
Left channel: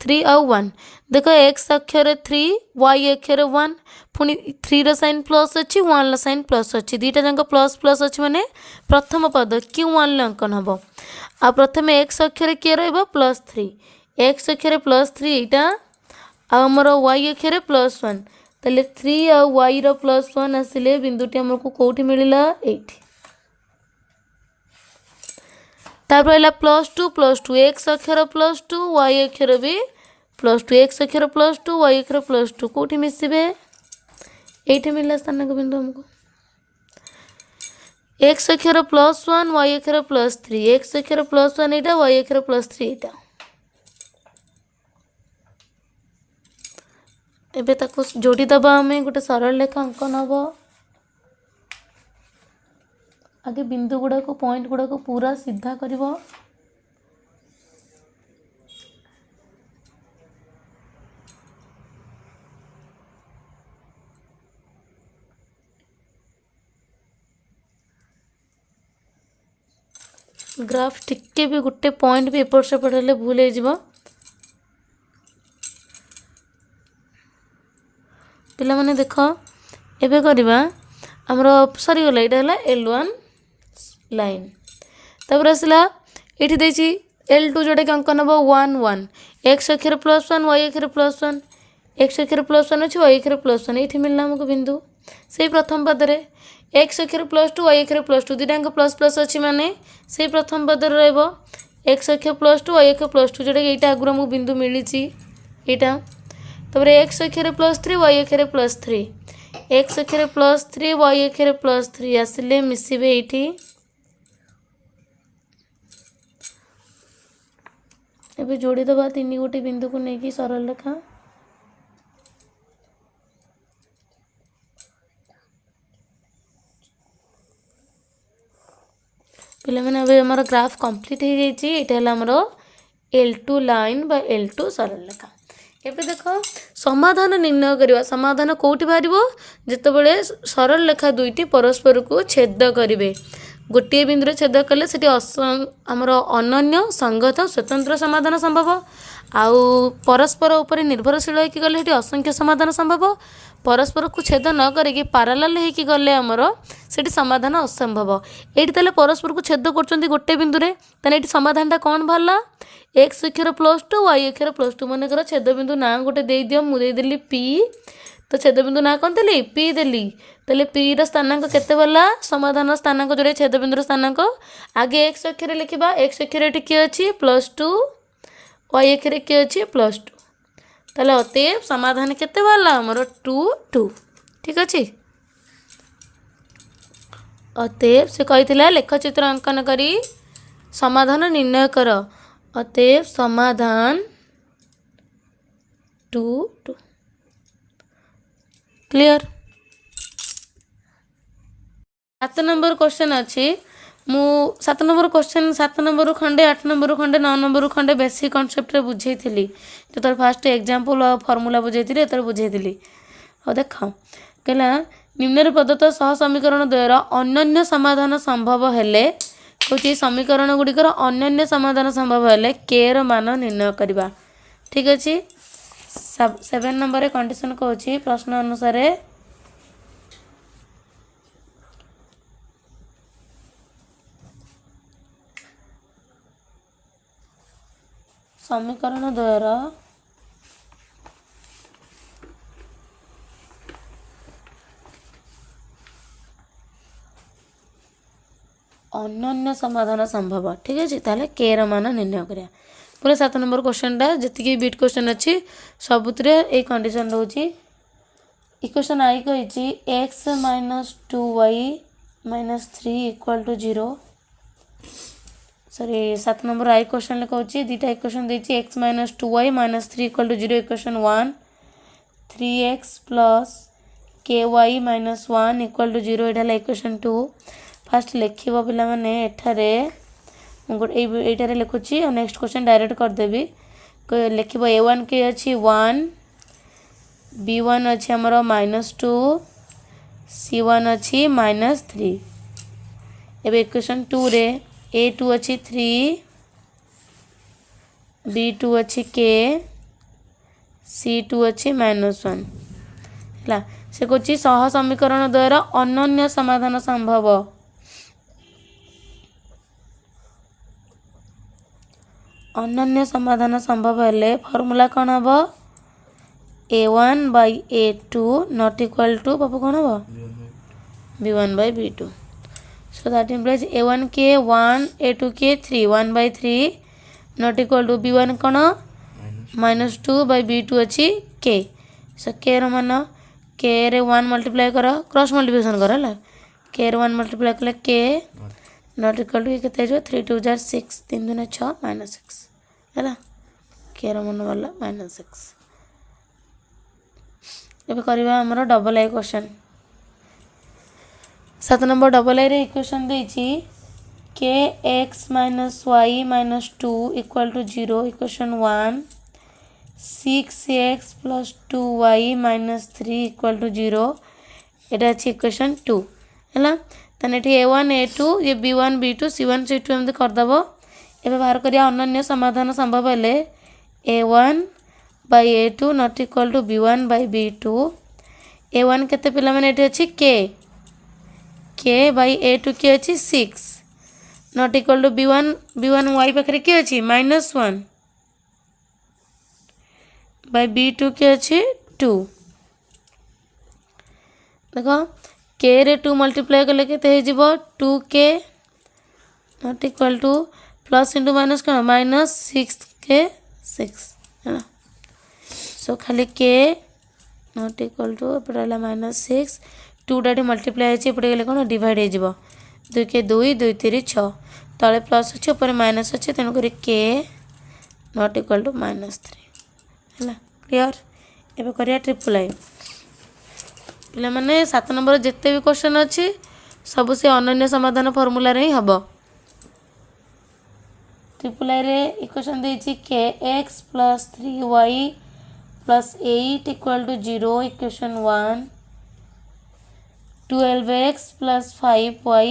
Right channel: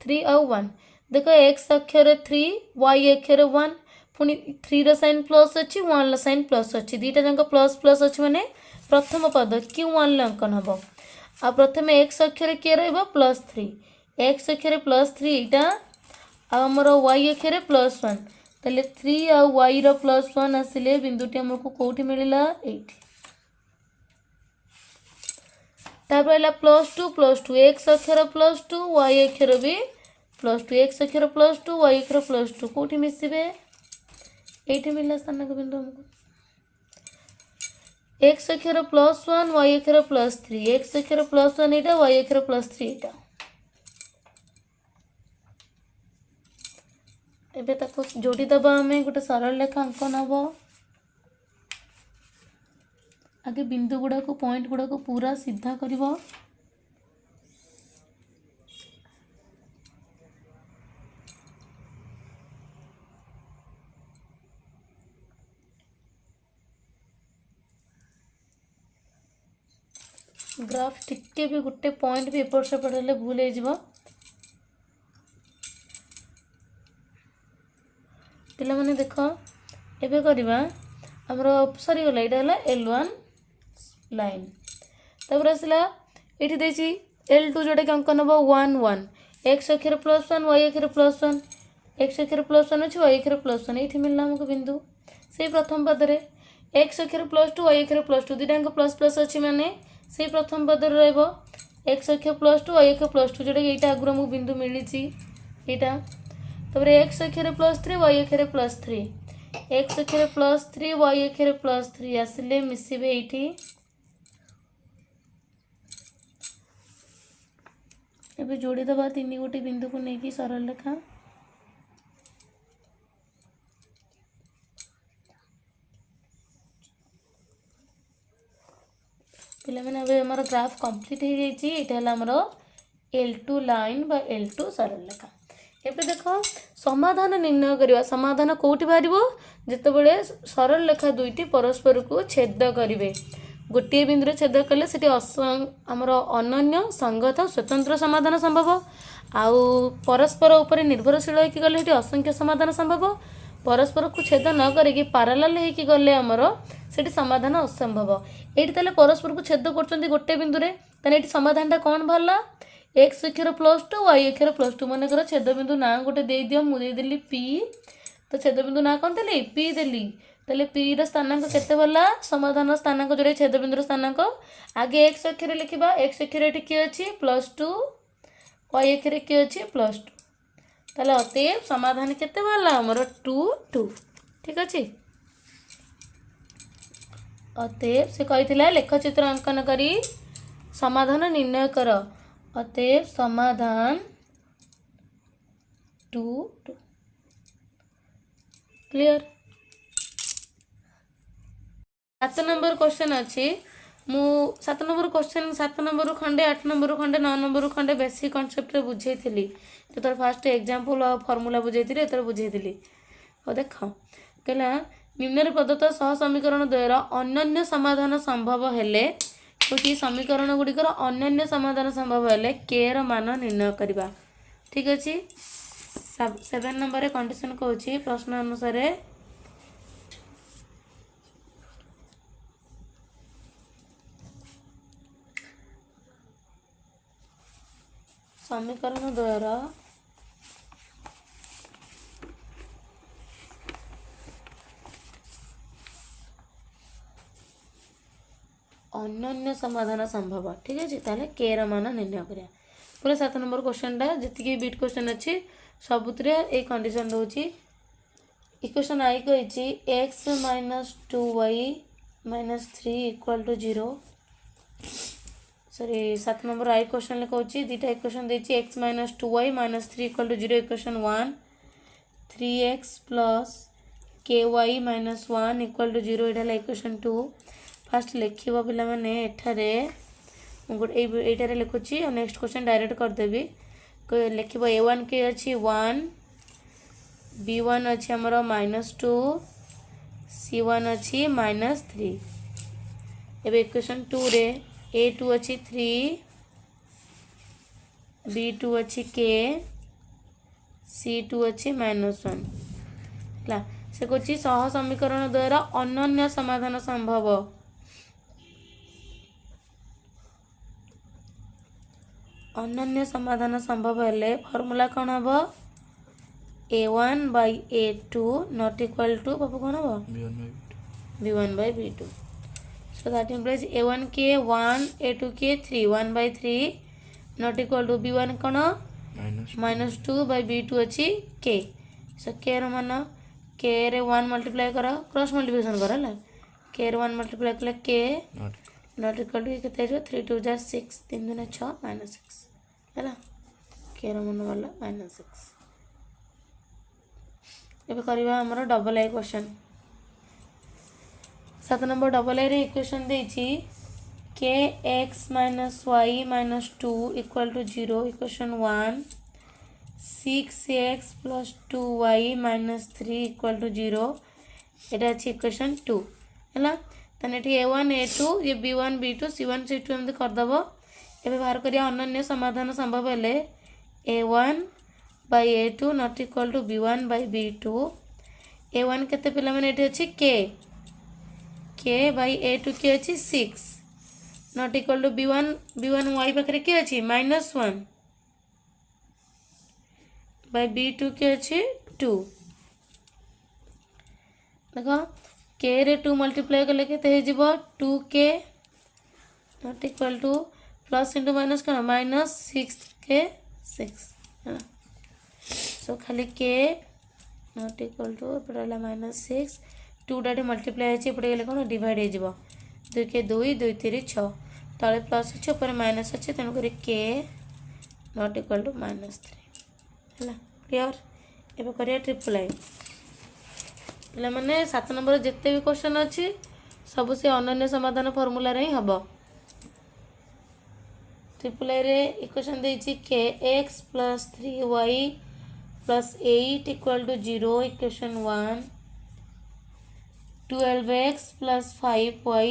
3 और 1 देख एक्स अक्षर 3 वाई अक्षर 1 पुणी 3 रो साइन प्लस अच्छी 1 रो साइन प्लस अच्छी दुईटा जाक प्लस प्लस अच्छी माने प्रथम पद Q1 अंकन हम आ प्रथम एक्स अक्षर किए +3 एक्स अक्षर +3 यहाँ आमर वाई अक्षर +1 तेल 3 और वाई रो +1 आसिले बिंदुटी आमको कौटी मिलला एठी तापर है +2 एक्स अक्षर +2 वाई अक्षर भी +2 एक्स अक्षर +2 वाई अक्षर +2 कौटी मिसबे ये मिलला स्थानांक बिंदु हमको एक्स अक्षर +1 वाई अक्षर +3 एक्स अक्षर +1 यहाँ वाई अक्षर +3 यहाँ एबे ताको जोड़ीदबा आम गोटे सरल रेखा अंकन हम आगे बिंदु गुड़ाक पॉइंट गुड़ाक पूरा सीधा कर ग्राफ टिके भी गोटे पॉइंट भी एपट सेपट हेल्ले भूल हो पिला माने देख एबे करबा हमर सरी गला एटा हला L1 लाइन तब आसला ये देसी L2 जोटा कि अंकन हम 1 1 एक्स अक्षर +1 वाई अक्षर +1 एक्स अक्षर +1 अच्छे वाई अक्षर +1 ये मिलना हमको बिंदु से प्रथम पदरे एक्स अक्षर +2 वाई अक्षर +2 दुईटा प्लस प्लस अच्छी माने से प्रथम पदर एक्स अक्षर +2 वाई अक्षर +2 जोटा कि यहाँ आगुरी आमको बिंदु मिली यहाँ तब एक्स अक्षर +3 वाई अक्षर +3 एक्स अक्षर +3 वाई अक्षर +3 आसिले मिसबे ये एबे जोड़ीदबा तीन गोटे बिंदु को लेकिन सरल रेखा पे मैंने आमर ग्राफ कंप्लीट हो जामर L2 लाइन बा L2 सरल रेखा एबे देख समाधान निर्णय करवा समाधान कौटी बाहर जितेबाला सरल रेखा दुईटी परस्पर को छेद करेंगे गोटे बिंदु छेद कले से आमर अनन्य संगत स्वतंत्र समाधान संभव आउ परस्पर उपर निर्भरशील होगी गले असंख्य समाधान संभव परस्पर को छेद न करें पारालाल होगी गले आमर से समाधान असंभव ये परस्पर को छेद कर गोटे बिंदु ये समाधानटा कौन बाहर एक्स अक्षर +2 वाई अक्षर +2 मन कर छेद बिंदु ना गोटे दे दियो मुझे देदेली P तो छेदबिंदु ना कौन देली पी देली तेल पी स्थानांक केते बोला समाधान स्थानांक जोड़े छेदबिंदु स्थानांक आगे एक्स अक्षर लिखा एक्स अक्षर किए अच्छी +2 वाई अक्षर किए अच्छी +2 ताले अतएव समाधान केते बाला हमर 2 2 ठीक अच्छे। अतएव से कही लेखचित्र अंकन करी समाधान निर्णय कर अतएव समाधान 2 2 क्लियर। 7 नंबर क्वेश्चन अच्छी मु 7 नंबर क्वेश्चन 7 नंबर खंडे 8 नंबर खंडे 9 नंबर खंडे बेसिक कॉन्सेप्ट रे बुझे थी जो फास्ट एग्जांपल और फॉर्मूला बुझे थी तो बुझे थी और देख कहला निम्न प्रदत्त सह समीकरण द्वयर अन्य समाधान संभव हेले कौन समीकरण गुड़िकर अन्य समाधान संभव हेले के र मान निर्णय करवा ठीक अच्छे। 7 नंबर कंडीशन कौन प्रश्न अनुसार समीकरण द्वयर अन्य समाधान संभव ठीक है ताले के र मान निर्णय करिया पूरा 7 नंबर क्वेश्चन टा जी बीट क्वेश्चन अच्छी सबुतरे ए कंडीशन रोची इक्वेशन आई कही x -2y -3 = 0 sorry 7 number I question कहूँ दीटा इक्वेशन देती x -2y -3 = 0 equation 1 3x + ky -1 = 0 यहाँ इक्वेशन 2 फास्ट लिख पिला माने एठारे एटारे लिखुची और नेक्स्ट क्वेश्चन डायरेक्ट करदेवी लिख a1 के अच्छी 1 b1 अच्छी आमर -2 c1 अच्छी -3 एबे इक्वेशन 2 रे a2 अच्छी 3 b2 अच्छी k c2 अच्छी -1 है से कौची सह समीकरण द्वारा अन्य समाधान संभव अन्य समाधान संभव हेले फॉर्मूला कौन हम a1/a2 नॉट इक्वल टू बाबू कौन हम b1/b2 so that implies a1 के 1 a2 के 3 1/3 नॉट इक्वल टू b1 कौन -2/b2 अच्छी k सो k रो मान k रे 1 मल्टीप्लाई कर क्रॉस मल्टीप्लिकेशन कर है k रे 1 मल्टीप्लाई कले k नॉट इक्वल टू केते जो 3 2 जार 6 3 2 6 -6 है के रो मन वाला -6 एबे करबा हमरो double I question 7 number double आई रे इक्वेशन देछि के x -y -2 = 0 equation 1 6x + 2y -3 = 0 एटा अछि इक्वेशन 2 हैला तने एठी a1 a2 ये b1 b2 c1 c2 हम कर दबो एबे बाहर करिया अन्य समाधान संभव हेले a1/a2 not equal to b1/b2 a1 केते पिला माने एठी अछि k/a2 के अछि 6 not equal to b1 y पाखरे के अछि -1 b2 के अछि 2 देखो k रे 2 मल्टीप्लाई कले केते हे जिवो 2k not equal to plus into minus कौन -6 के 6 है ना सो खाली k नॉट इक्वल टू एपटे -6 2 डाटी मल्टीप्लाई होती एपटे गले कौन डिवाइड हो 2 के 2 2 3 6 तले प्लस अच्छे ऊपर माइनस अच्छे तेणुक k नॉट इक्वल टू -3 है क्लियर एबे करिया ट्रिपल आई पे मैंने 7 नंबर जिते भी क्वेश्चन अच्छी सब से अनन्य समाधान फॉर्मूला रे ही हम ट्रिपल आई रे इक्वेशन देछि के x + 3y + 8 = 0 equation 1 12x + 5y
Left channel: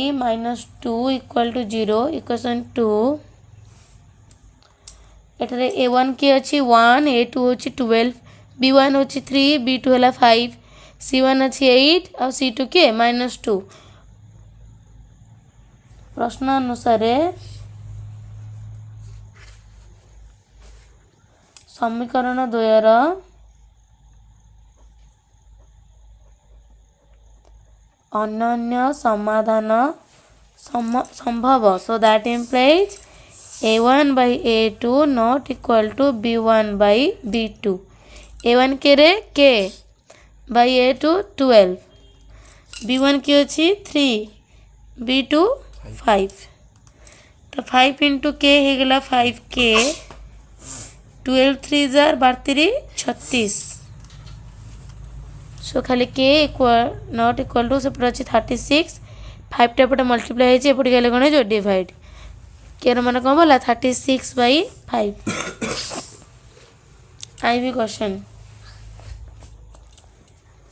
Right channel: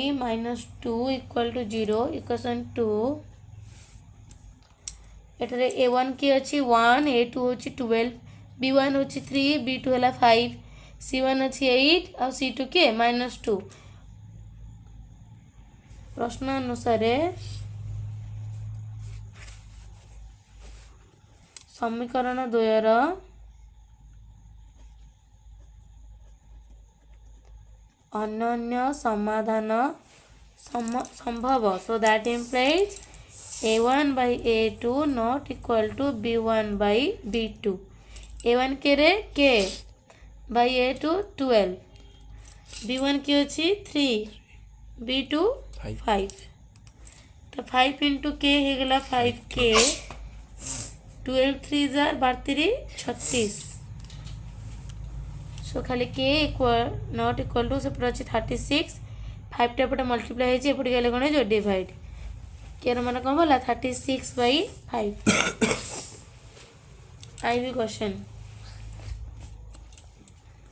- 2 = 0 equation 2 एठारे a1 के अछि 1 a2 अछि 12 b1 अछि 3 b2 हला 5 c1 अछि 8 और c2 के -2 प्रश्न अनुसार समीकरण द्वयर ଅନନ୍ୟ ସମାଧାନ ସମ୍ଭବ। So that implies a1 by a2 not equal to b1 by b2। a1 केरे k by a2 12, b1 की अच्छी 3, b2 5। तो 5 into k हो गला 5k, 12 3 जार 36। सो खाली k equal not equal to से अच्छी 36, 5 टा पटे मल्टीप्लाई होती एपटे गले कौन जो डिवाइड के मान कौन बोला 36 by 5। IB question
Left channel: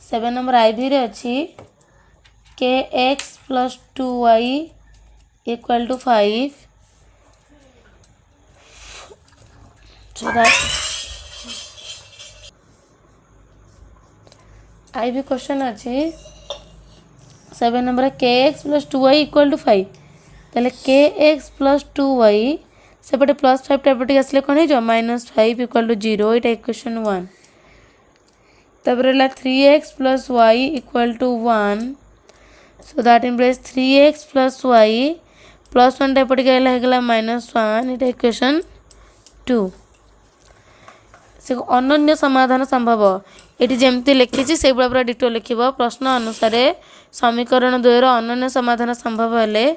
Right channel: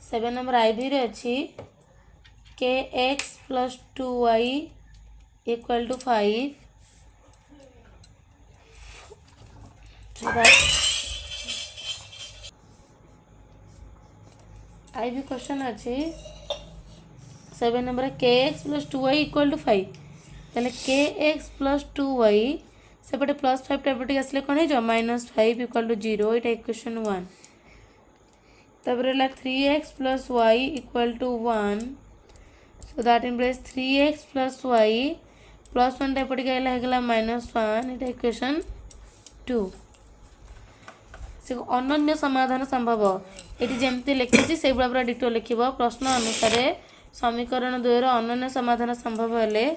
7 number IB रे अच्छी kx plus 2y equal to 5। so that IB question अच्छी 7 number kx plus 2y equal to 5। ताले kx plus 2y सेपटे प्लस 5 टाइप आसले कौन हो -5 equal to 0। ये इक्वेशन 1। तब 3x plus y equal to 1। so that implies 3x plus y plus 1 type गला -1। ये इक्वेशन 2। से अनन्य समाधान संभव ये जमती लिखी से पूरा डिटो लिख प्रश्न अनुसार समीकरण द्वयर अनन्य समाधान संभव हेले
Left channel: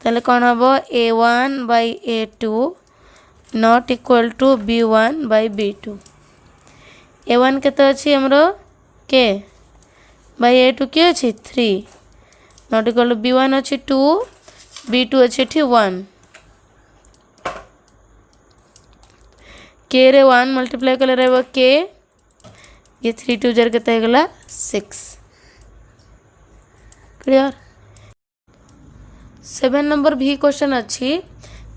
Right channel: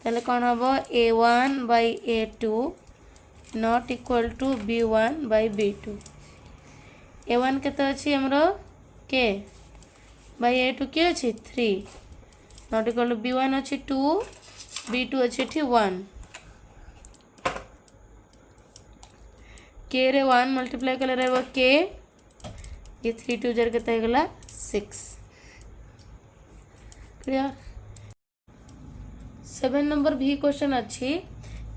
ताले कौन हम a1 by a2 not equal to b1 by b2। a1 केते अच्छी हमरो k by a2 के अच्छी 3 नॉट इक्वल टू b1 अच्छी 2, b2 अच्छी 1। के रे 1 मल्टीप्लाई कले रहबो के ये 3 2 जार केते गला 6। क्लियर। 7 नंबर भी क्वेश्चन अच्छी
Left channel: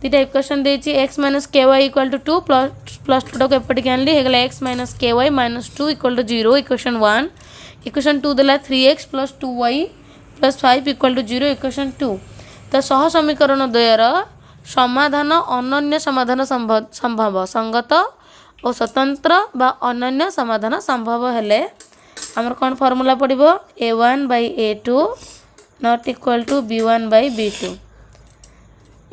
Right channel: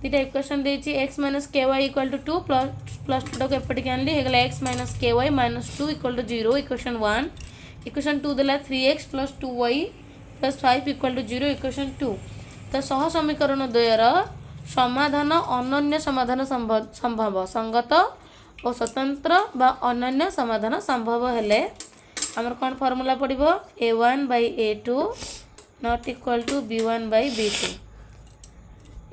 दीटा इक्वेशन देछि x minus ky equal to 2 plus 2 को एपटे के आनली हेगला x minus ky minus 2 equal to 0। Equation 1। Equation 2 देला 3x plus 2y plus 5 equal to 0। Equation 2 तो सह समीकरण द्वयर समाधान अनन्य समाधान संभव संगत और स्वतंत्र बा अनन्य समाधान संभव हेले हमर कौन फॉर्मूला पड़िबो a1 by a2 not equal to b1 by b2।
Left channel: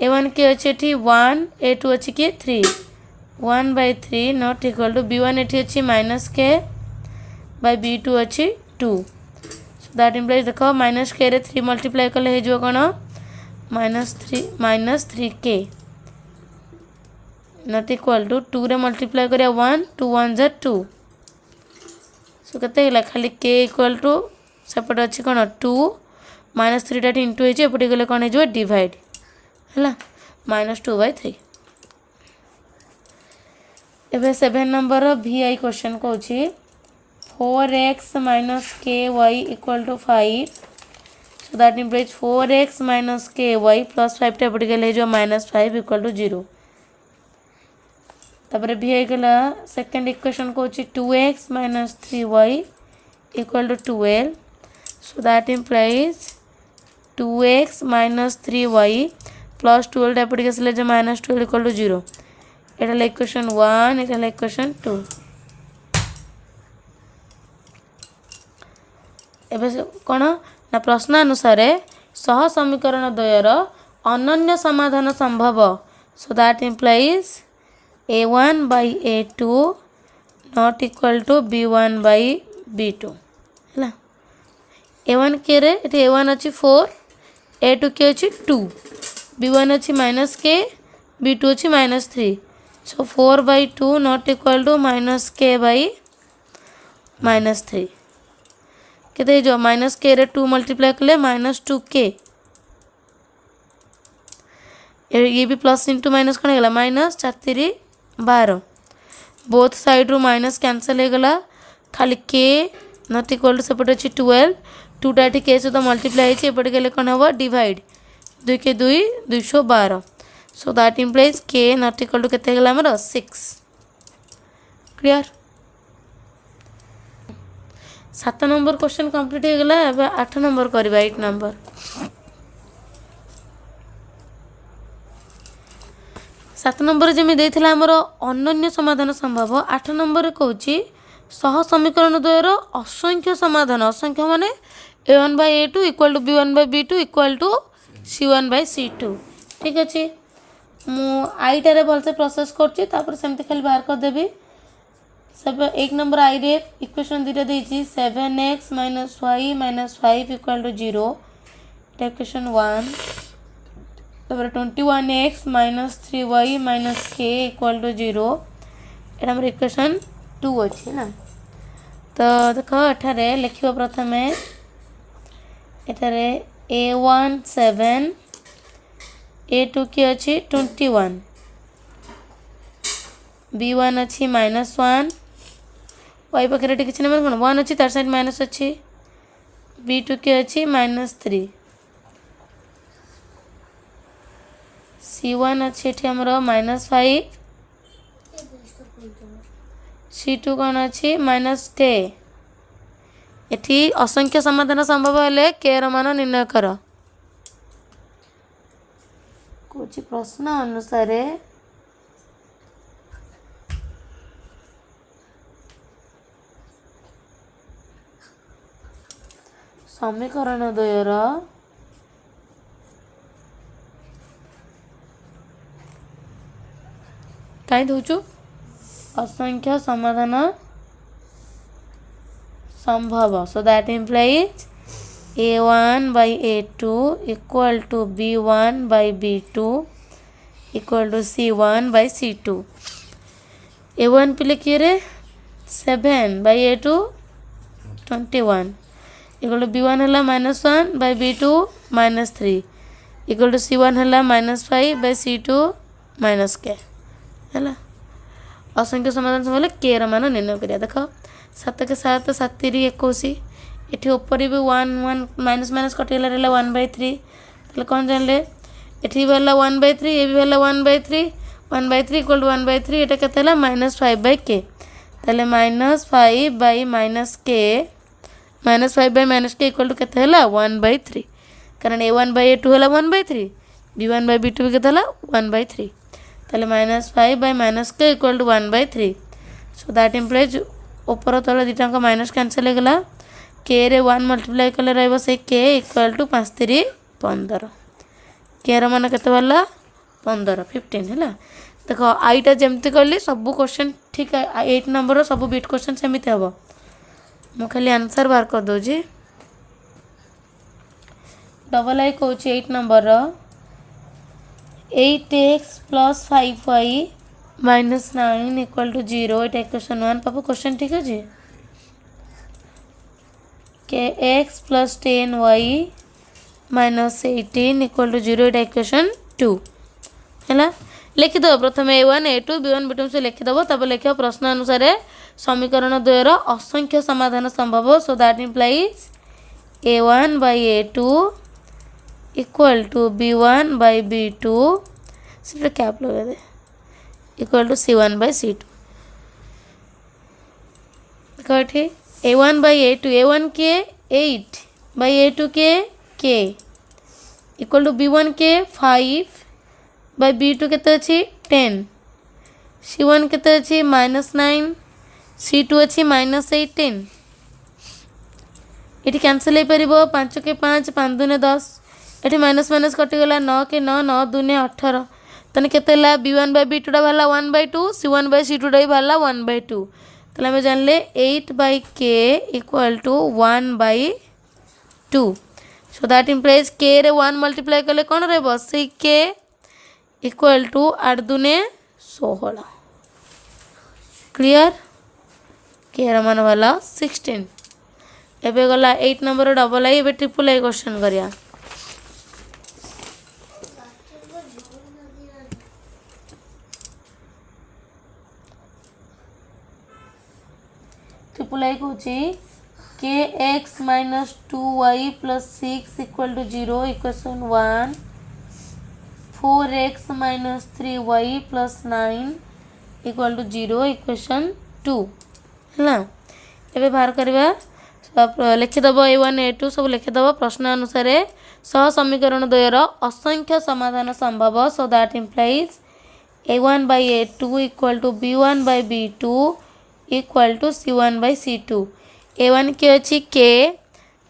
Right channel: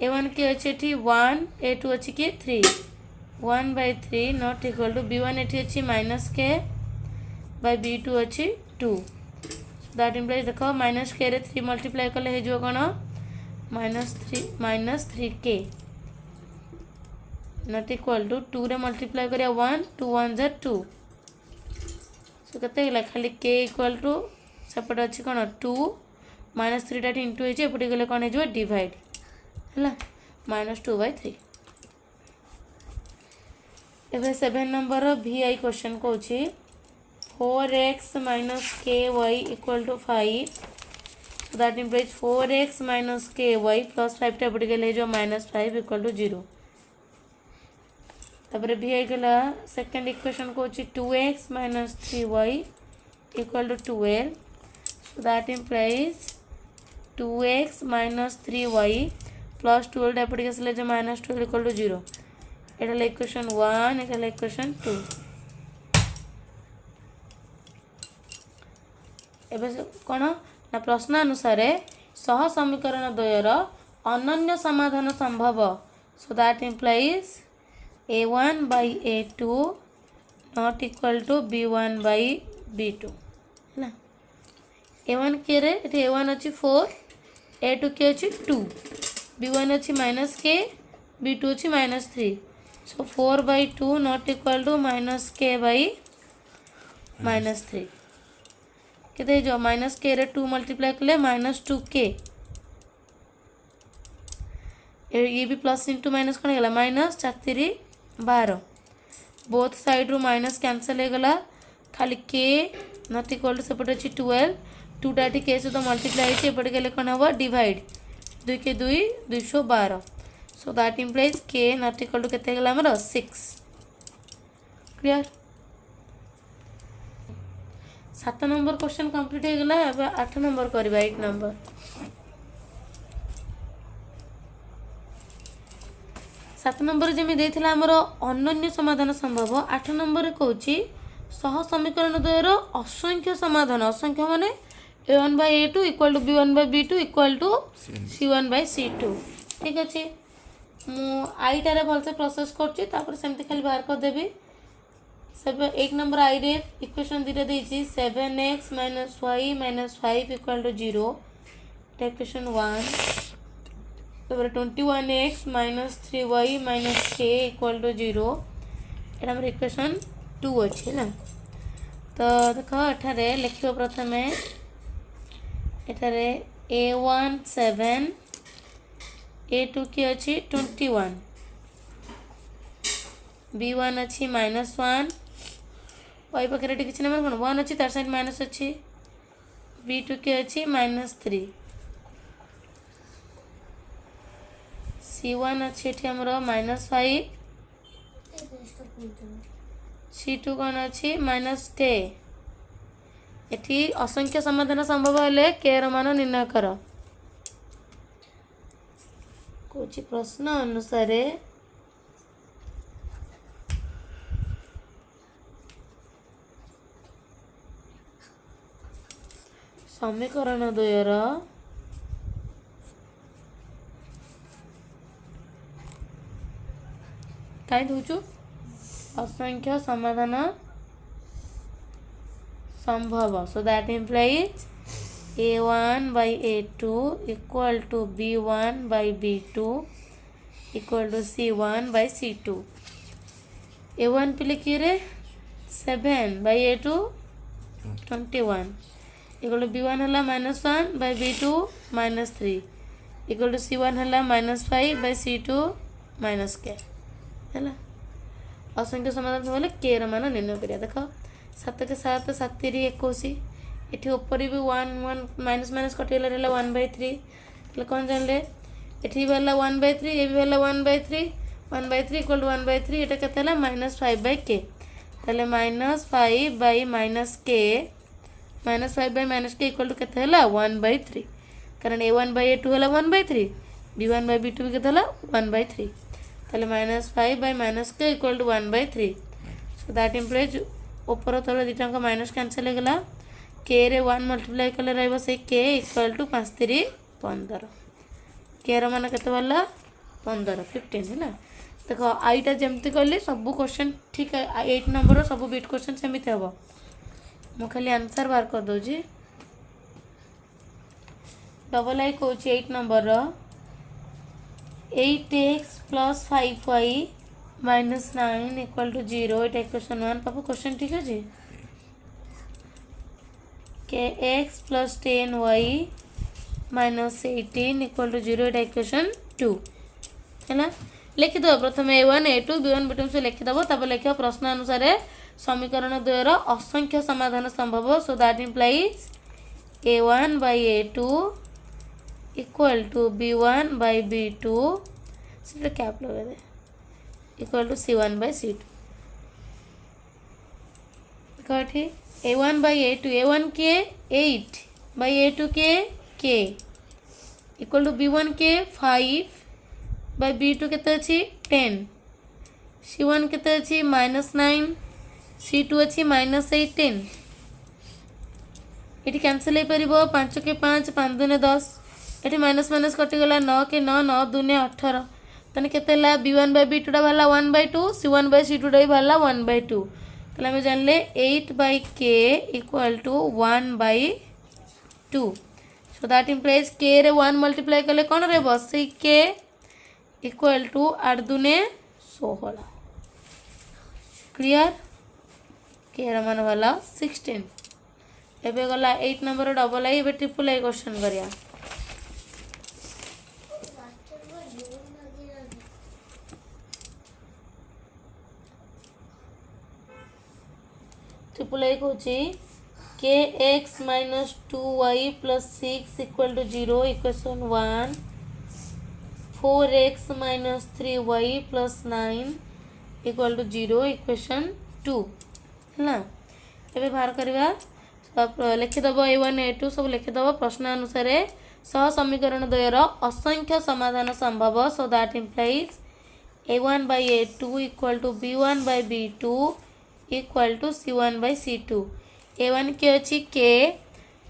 a1 के अच्छे 1, a2 अच्छी के 3, 1 by 3 not equal to b1 एठी अच्छी -k by b2 अच्छी 2। सो दैट इम्प्लाइज देखो -k रे 3 मल्टीप्लाई कले हे जो कोन -3k नॉट इक्वल टू 2 रे मल्टीप्लाई करिया 1, 2 1 जा 2। सो कते हिला खाली k इक्वल टू सेपट अच्छी कोन 2 -3 टा इंटू हे जे एपटे गले कोन हे जो डिवाइड हला -2 by 3। एबे 7 नंबर vi क्वेश्चन को छी 4x minus ky equal to 5। so that implies 4x minus ky plus 5 टा एपटे गले जो -5 equal to 0। तबरे भी गला सेकंड इक्वेशन को छी 2x minus 3y equal to 12। so that implies 2x minus 3y plus 12 टा एपटे गसले जो -12 equal to 0। Etah equation 1, Etah equation 2। एबे कोन ना प्रश्न अनुसार सह समीकरण द्वयर अनन्य समाधान संभव। So that implies a1 by a2 not equal to b1 by b2 है। a1 के रे a1 अच्छी 4, a2 के अच्छी 2, b1 अच्छी -k, b2 अच्छी -3। So 4 by 2 not equal to -k by -3 केते जो -k रे 2 मल्टीप्लाई कले -2k। ये भी प्लस इंटू माइनस कौन है -4 12 बोथ साइड रू माइनस कैंसल हो गला खाली के नॉट इक्वल टू सेपटे अच्छी 12 2टा के सहित मल्टीप्लाई होती एपटे गले कौन हम डिवाइड 2 के 2 212। सो दैट इम्प्लाइज के नॉट इक्वल टू केते गला हमर 6। क्लियर। 7 नंबर क्वेश्चन कंप्लीट हो गला। अब 8 नंबर करबा 8 नंबर 7 नंबर जमी देथिला हमर अनन्य समाधान संभव। 8 नंबर कहूची सह समीकरण द्वयर असंख्य समाधान। असंख्य माने A1 by A2 equal to B1 by B2 equal to C1 by C2 ठीक अच्छे मु आईटारे भलसे प्रोसेस करछि तापर सेमते खाली बाहर कर देबी सब एक नंबर आई रे इक्वेशन दिटा देछि 7x - y - 5 equal to 0 equation 1 तापर 21x - 3y - k equal to 0 एटा हमर इक्वेशन 2 अछि ना तो देखो एठारे लिखिबो प्रथमे एठारे A1 7 A2 की अच्छी 21 B1 अच्छी -1 y पाखे किसी नंबर कौन 1 अच्छी तार साइड माइनस अच्छी B2 की अच्छी -3 C1 अच्छी एठी हमर -5 C2 कौन अच्छी -k एठी असंख्य समाधान संभव हेले k ର ମାନ निर्णय कर कुछ प्रश्न अनुसार समीकरण द्वयर कहीं दौचु असंख्य समाधान संभव so that implies A1 by A2 equal to B1 by B2 equal to C1 by C2 A1 पे लिखिए रे 7 by A2 21 equal to B1 हला -1 by B2 -3 equal to C1 हला -5 by C2 -k हला असंख्य समाधान समले k ର ମାନ निर्णय करिया देखो 7 के 7 7 3 21 एठी ऊपर भी 1 1 माइनस माइनस कटिला रहला 1/3 तले कोन जानले एठी भेला 1/3 ए भी भेला 1/3 1/3 इक्वल टू 1/3 एटा केतेला -5/k तले -5 by -k -5 by -k equal to केते हला 1/3 कारण A1 by A2 हला 1/3 B1 by B2 केतेला 1/3 तले -5 by -k equal to 1/3 so that implies ऊपर तले दिटा का माइनस कैंसिल हो गला k रे 1 मल्टीप्लाई कले रहबो से k इक्वल टू 5 3 15 k ର ମାନ केते वाला 15 15 हैला देखो आईटा जेमते करली सब क्वेश्चन ठीक 8 नंबर सब बिट क्वेश्चन सेमिते हबो मो खाली आंसर बार कर दो जी डबल आई कहूँ 8 number 8x + 5y - 9 equal to 0 Etah equation 1 पापा क्वेश्चन ठीक है जी kx + 10y - 18 equal to 0 Etah equation 2 हैला लिखि दो प्रथम A1 A2 B1 B2 से लिखि दबो तब लिखियो प्रश्न अनुसार समीकरण द्वयर असंख्य समाधान संभव so that implies A1 by A2 equal to B1 by B2 सिर्फ कैप लगा दे equal to C1 by C2 ठीक A1 by A2 A1 के 8 by A2 के k इक्वल टू B1 के 5 by B2 केते अछि 10 C1 केते अछि -9 C2 अछि -18 एटी कैंसिल हे परिबो 5 के 5 5 दुने 10 एटी माइनस माइनस कटि गला 9 के 9 9 दुने 18 तने केते ला B1 by B2 टा भला 1/2 C1 by C2 टा भला 1/2 तले हमें जान ले 8 by k equal to 1/2 so that implies k रे 1 मल्टीप्लाई कले कौन रहबो से k इक्वल टू 8 दुने 16 क्लियर k ର ମାନ वाला 16 एबे गला 8 नंबर डबल आई एबे ट्रिपल आई क्वेश्चन करिया ट्रिपल आई को kx - 2y + 6 equal to 0 equation 1 4x - 3y + 9 equal to 0 equation 2 है एबे बाहर करबा सब लिखिदब A1 A2 सब लिखिदब प्रश्न अनुसार सह समीकरण द्वयर असंख्य समाधान संभव so that implies A1 by A2 equal to B1 by B2 equal to C1 by C2 A1 के अच्छी k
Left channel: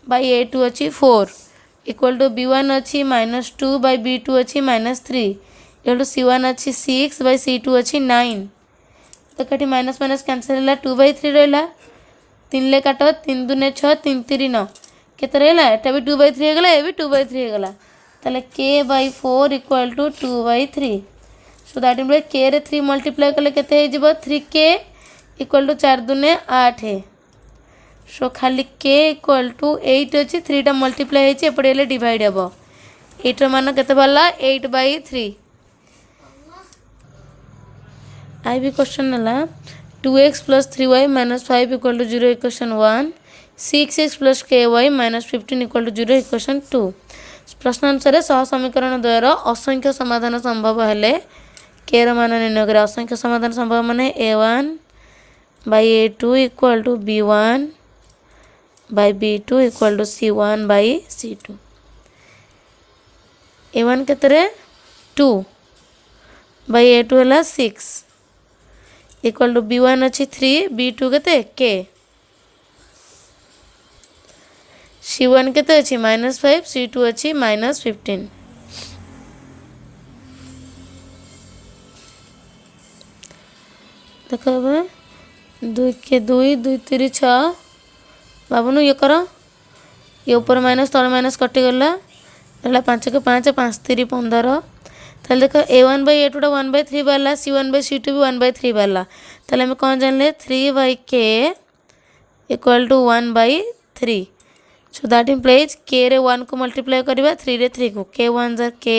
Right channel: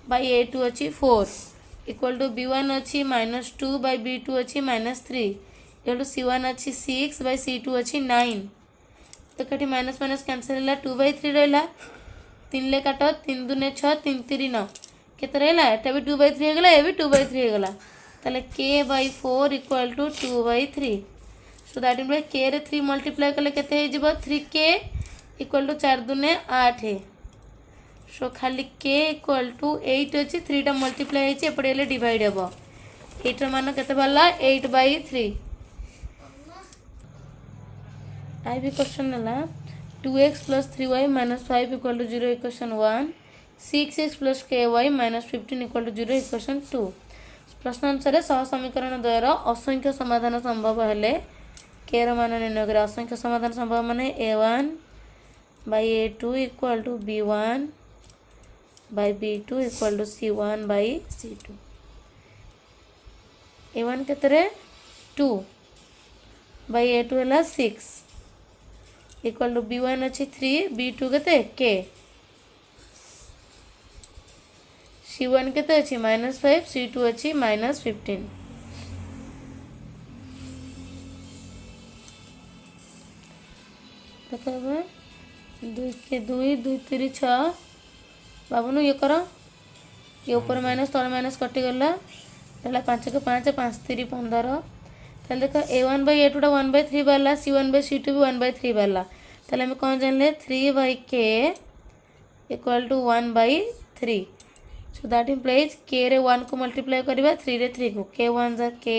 बाई ए टू अच्छी 4 इक्वल टू B1 अच्छी -2 बाई B2 अच्छी -3 इक्वल टू C1 अच्छी 6 बाई C2 अच्छी 9 तो कटी minus minus cancel है 2/3 रहा 3 ले काट 3 दूने 6 3 3 9 केते रहा एटा भी 2/3 हो गला ए भी 2/3 हो गला ताले k/4 equal to 2/3 so that mean k रे 3 मल्टीप्लाई कले केते हे जिवो 3k इक्वल टू 4 दूने 8 है सो खाली k इक्वल टू 8 अच्छी 3 टा मल्टीप्लाई होती एपटे हेले डिवाइड हे 8 र मान केते बाला 8/3 आई भी क्वेश्चन है 2x + 3y - 5 equal to 0 equation 1 6x + ky - 15 equal to 0 equation 2 प्रश्न अनुसार सह समीकरण द्वयर असंख्य समाधान संभव हेले k र मान निर्णय करे असंख्य समाधान संभव माने a1 by a2 equal to b1 by b2 equal to c1 by c2 a1 केतरे 2 बाई a2 है 6 इक्वल टू b1 अच्छी 3 b2 केते k c1 केते अच्छी -5 c2 अच्छी -15 देखो 2 के 2 2 3 6 बाबू ये कर ये ऊपर माइनस तल माइनस कटिगला 5 के 5 5 3 15 ताले देखो a1 बाई a2 टा 1/3 बाला c1 बाई c2 भी 1/3 बाला ताले हमें कौन जानले 3/k equal to 1/3 so that implies k रे 1 को मल्टीप्लाई करिबा 3 रे 3 को k 1 जार k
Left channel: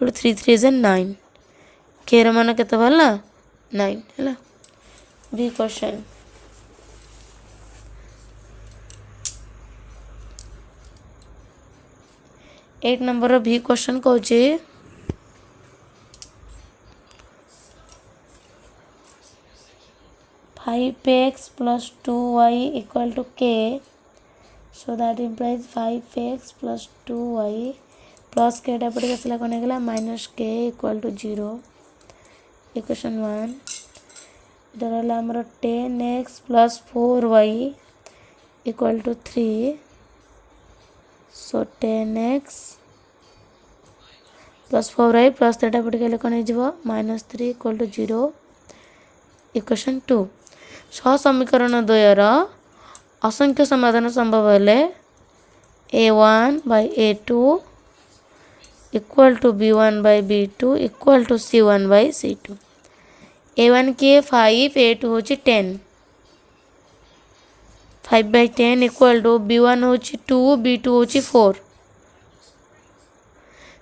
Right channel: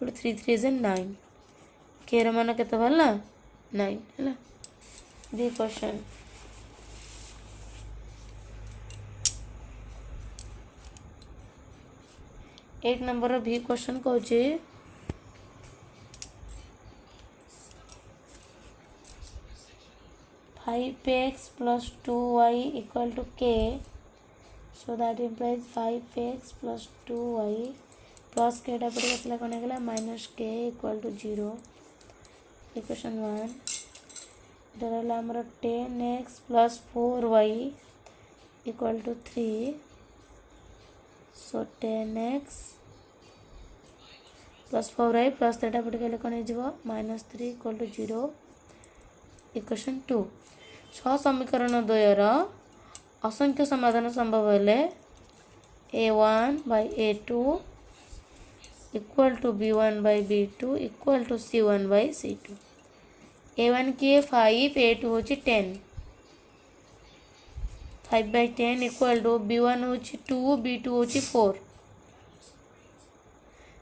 3 3 जार 9 k रे मान केते बाला 9 हैला बी क्वेश्चन 8 नंबर भी क्वेश्चन कहूँ 5x + 2y equal to k so that implies 5x + 2y plus के पटे आसला कौन है -k इक्वल टू 0 इक्वेशन 1 इधर है 10x + 4y equal to 3 so 10x + 4y plus तेटा पटे गले कौन हो -3 इक्वल टू 0 इक्वेशन 2 सह समीकरण द्वयर असंख्य समाधान संभव हेले a1 by a2 equal to b1 by b2 equal to c1 by c2 a1 की 5 a2 होची 10 5/10 इक्वल टू b1 होची 2 b2 होची 4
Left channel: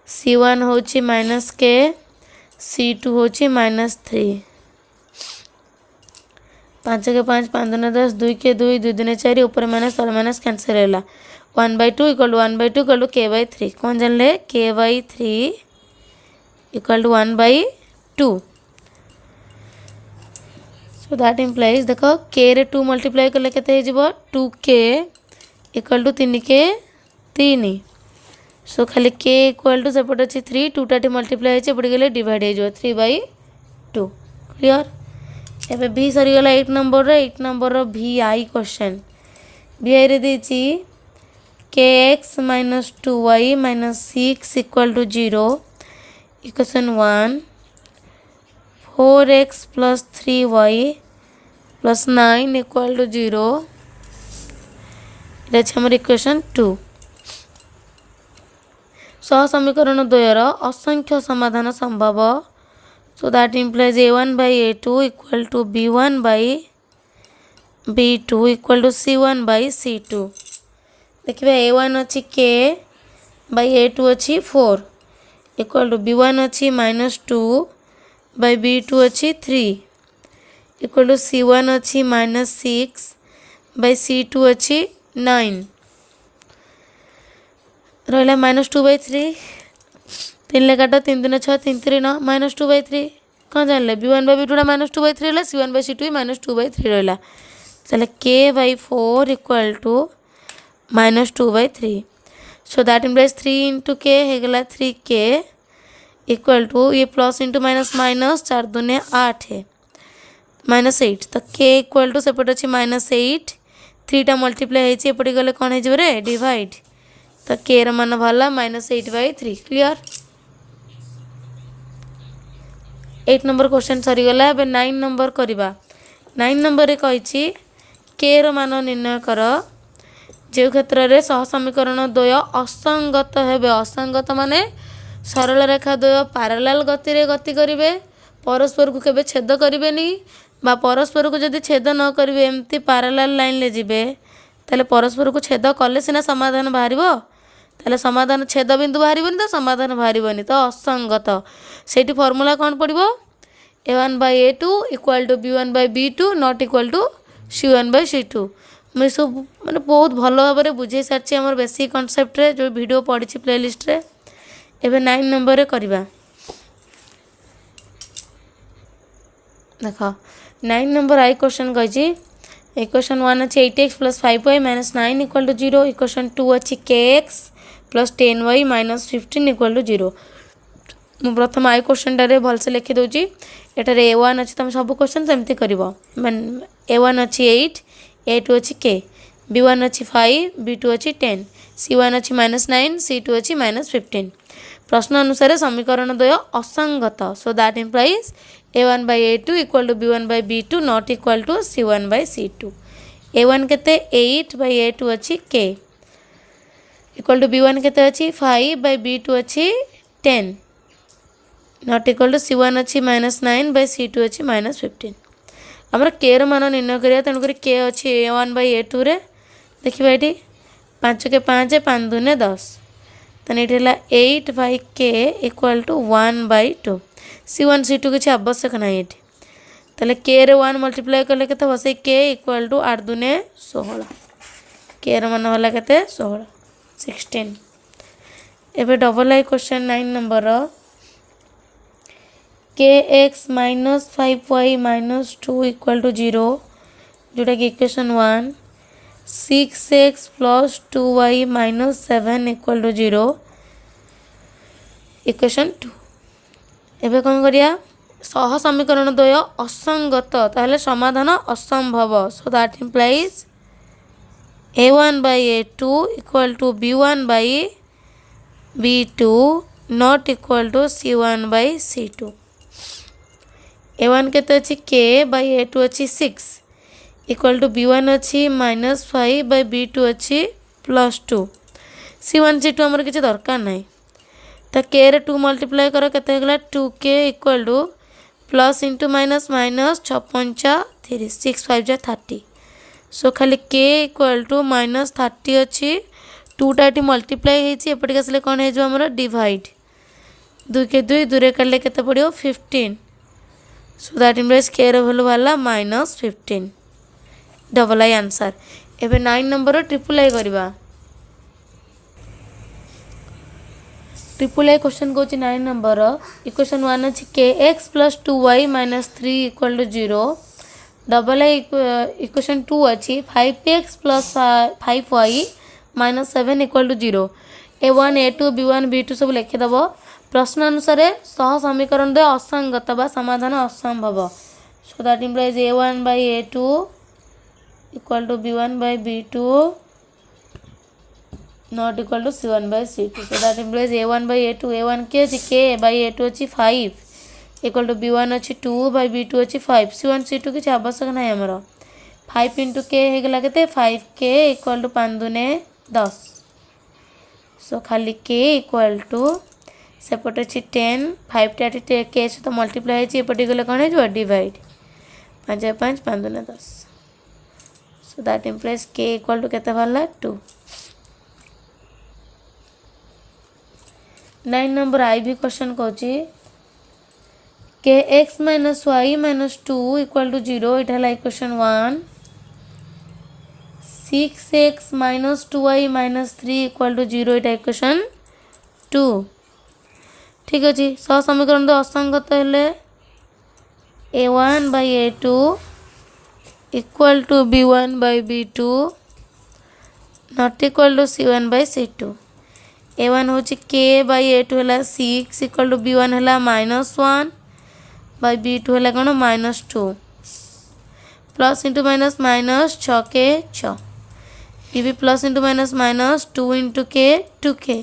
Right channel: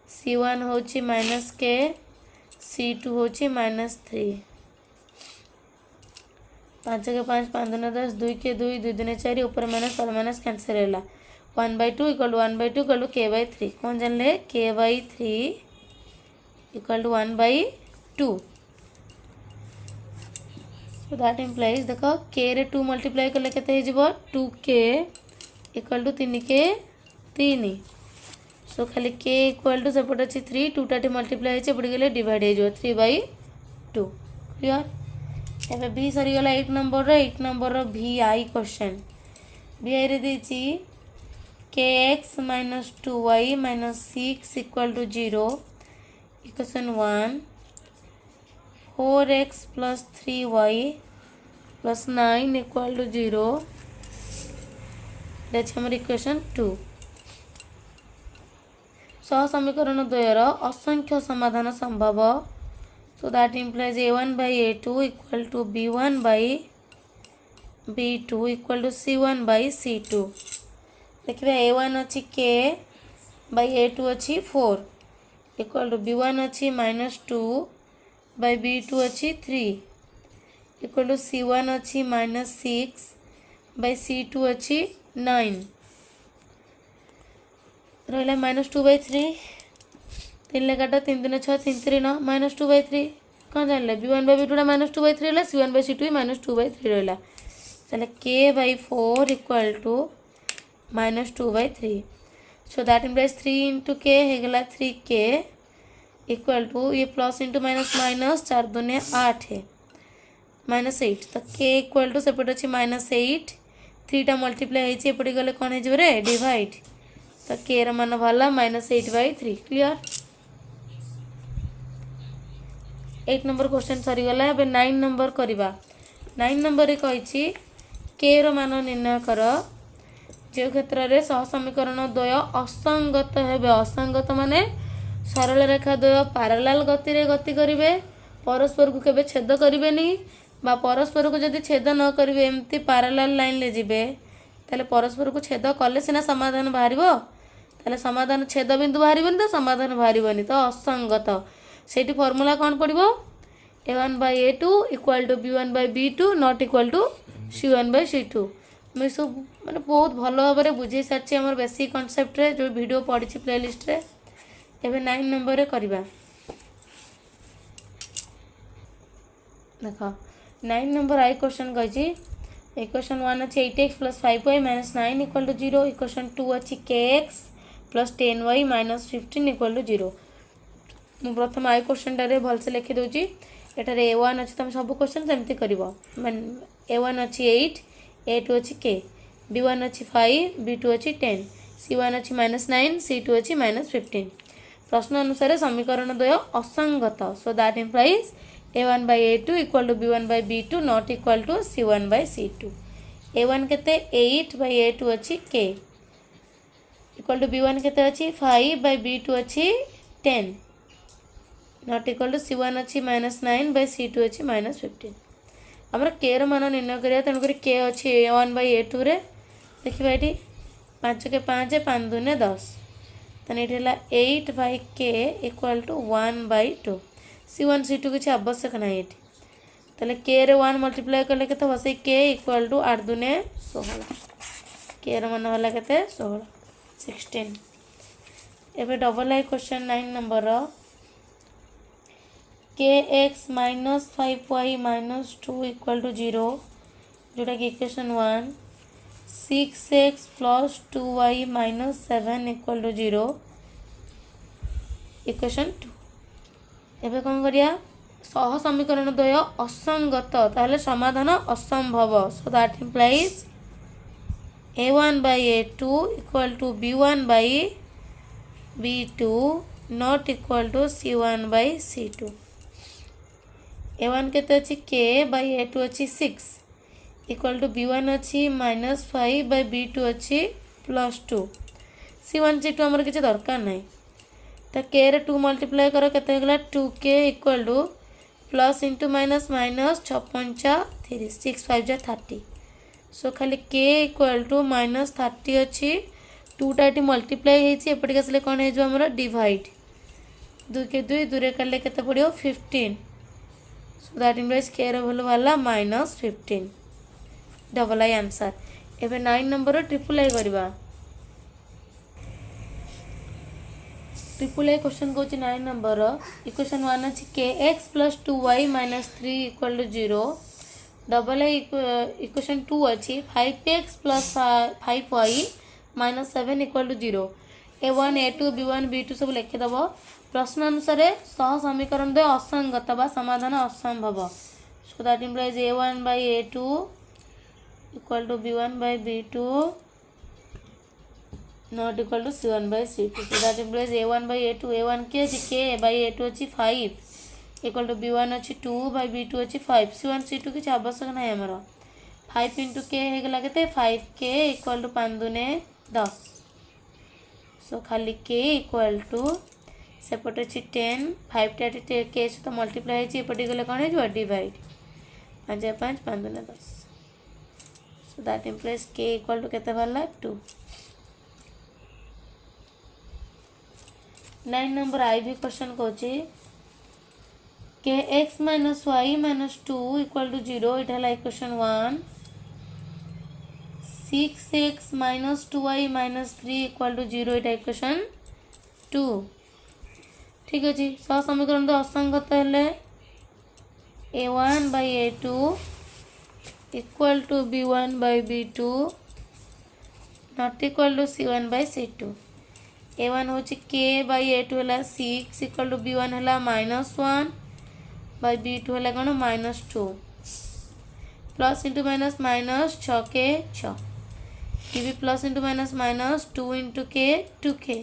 c1 होची -k c2 होची -3 5 के 5 5 दूने 10 2 के 2 2 दूने 4 ऊपर माइनस तल माइनस कैंसिल है 1/2 equal to 1/2 equal to k/3 कौन जान ले k/3 equal to 1/2 so that implies देखो k रे 2 मल्टीप्लाई कले केते हे जिवो 2k इक्वल टू 3k 3 सो खाली k इक्वल टू सेपट अच्छी 3 2 टाटी मल्टीप्लाई है पड़ी गले डिवाइड हो जाए 3/2 क्लियर एबे भी सरीगला 8 नंबर रो भी आई क्वेश्चन भी आई रे देची kx - 2y - 6 equal to 0 equation 1 4x + 3y + 9 equal to 0 ये हमर इक्वेशन 2 सह समीकरण द्वयर असंख्य समाधान संभव so that implies a1 by a2 equal to b1 by b2 equal to c1 by c2 देखिए a1 अच्छी k बाई a2 अच्छी 4 इक्वल टू b1 अच्छी -2 बाई b2 अच्छी 3 इक्वल टू c1 अच्छी -6 बाई c2 अच्छी 9 रहा -2/3 3 ले काट 3 दूने 6 3 3 9 -2/3 कौन जानले b1 बाई b2 -2/3 रहा c1 बाई c2 -2/3 रहा चले k/4 equal to -2/3 so that implies 3 × k हो गला 3k इक्वल टू ये प्लस इंटू माइनस माइनस 4 दूने 8 है -8 तो k इक्वल टू सेपट अच्छी -8 3टा मल्टीप्लाई होपटे गले कौन हो डिवाइड तो के मान बाहर -8/3 क्लियर 8 नंबर क्वेश्चन सरीगला। अब 9 नंबर करवा 9 नंबर कही के मान निर्णय कर जो क्षेत्र में सह समीकरण द्वय असंगत हेबे असंगत माने सरल रेखा द्वय पैरेलल गति रे गति करिवे परस्पर को केबे छेद करिवेनी बा परस्पर को जदि छेद न करिवे एमती पैरेलल लाइन ले जिवे ताले परस्पर को छेद कले सिना समाधान बाहरिबो ताले समाधान छेद बिंदु बाहरिबोनी तो समाधान बाहरिबोनी तो असंगत सेठी फार्मूला कौन पड़िबो a1/a2 = b1/b2 not equal to c1/c2 मुझे सब मैंने बहुत भल भाव में बुझे सारी आम बेसिक कनसेप्ट रे जो वीडियो पढ़ी प्लेलिस्ट रे एबे 9 नंबर करवा देख 9 नंबर आई क्वेश्चन कही इक्वेशन 1 अच्छे 8x + 5y - 9 = 0 इक्वेशन 2 अच्छी kx + 10y - 15 = 0 मु प्रथम आई क्वेश्चन टारे भलसे लिखी दूची एटारे a1 अच्छी तुम सब क्वेश्चन सेमती करिवो a1 अच्छी 8 a2 अच्छी k b1 अच्छी 5 b2 अच्छी 10 c1 अच्छी -9 c2 अच्छी -15 प्रश्न अनुसार समीकरण द्वय असंगत so that implies a1/a2 = b1/b2 not equal to c1/c2 a1 केते 8/a2 अच्छी k इक्वल टू b1 केते अच्छी 5/b2 अच्छी 10 नॉट इक्वल टू c1 अच्छी -9/c2 अच्छी -15 आमर के मान निर्णय करिया तेणुक के अच्छी a1/a2 रे देखिए ये 5 के 5 5 दूने 10 तेने ये 8/k = 1/2 c1 c2 किसी आवश्यक ना ये तेल के रे 1 मल्टीप्लाई कले के बस k = 8 दूने 16 के मान वाला के 16 एबे double I question 9 number kx - 5y - 2 = 0 जोटा कि इक्वेशन 1 6x + 2y - 7 = 0 इक्वेशन 2 एबे कौन करिया सह समीकरण द्वय असंगत ताहले समाधान असंभव so that implies a1/a2 = b1/b2 not equal to c1/c2 a1 केते अच्छी k/a2 अच्छी 6 इक्वल टू b1 अच्छी -5/b2 अच्छी +2 c1 c2 आमर किसी दरकार नहीं तो k रे 2 मल्टीप्लाई कर केते गला 2k equal to plus into minus minus 6 5 6 5 30 सो खाली k इक्वल टू -30 अच्छी 2टा ये मल्टीप्लाई होपटे आसले कौन हो आमर डिवाइड 2 के 2 दूरे काटे के पड़ो 15 सो दैट इम्प्लाइज के भैल्यू बाहर -15 डबल आई आंसर एबे 9 नंबर ट्रिपल आई करवा ट्रिपल आई क्वेश्चन कौन 9 नंबर इक्वेशन 1 अच्छी kx + 2y - 3 = 0 डबल आई इक्वेशन 2 अच्छी 5x + 5y - 7 = 0 a1 a2 b1 b2 सब लिखिदेव प्रश्न अनुसार सह समीकरण द्वय असंगत बा समाधान असंभव so that implies a1/a2 = b1/b2 not equal to c1/c2 so that implies a1/a2 a1 के k/a2 अच्छी 5 इक्वल टू b1 अच्छी 2/b2 अच्छी 5 c1 c2 किसी आवश्यक ना आमर 5 × k होगा के 5k = 5 दूने 10 सो खाली k इक्वल टू सेपटे अच्छी 10 5टा के सहित मल्टीप्लाई होपटे गले कौन हो डिवाइड 5 5 5 दूने 10 so that implies k equal to केते बाहर 2 9 नंबर आई भी क्वेश्चन कौची kx - y - 2 = 0 इटा है इक्वेशन 1 6x - 2y - 3 = 0 इटा इक्वेशन 2 ठीक अच्छे सह समीकरण तो असंगत हेले a1/a2 = b1/b2 not equal to c1/c2 a1 हूँ k/a2 है 6 = b1 है -1/b2 है कौन -2 प्लस इंटू माइनस माइनस 6 के 6 ये भी plus into minus minus 2 into के 2k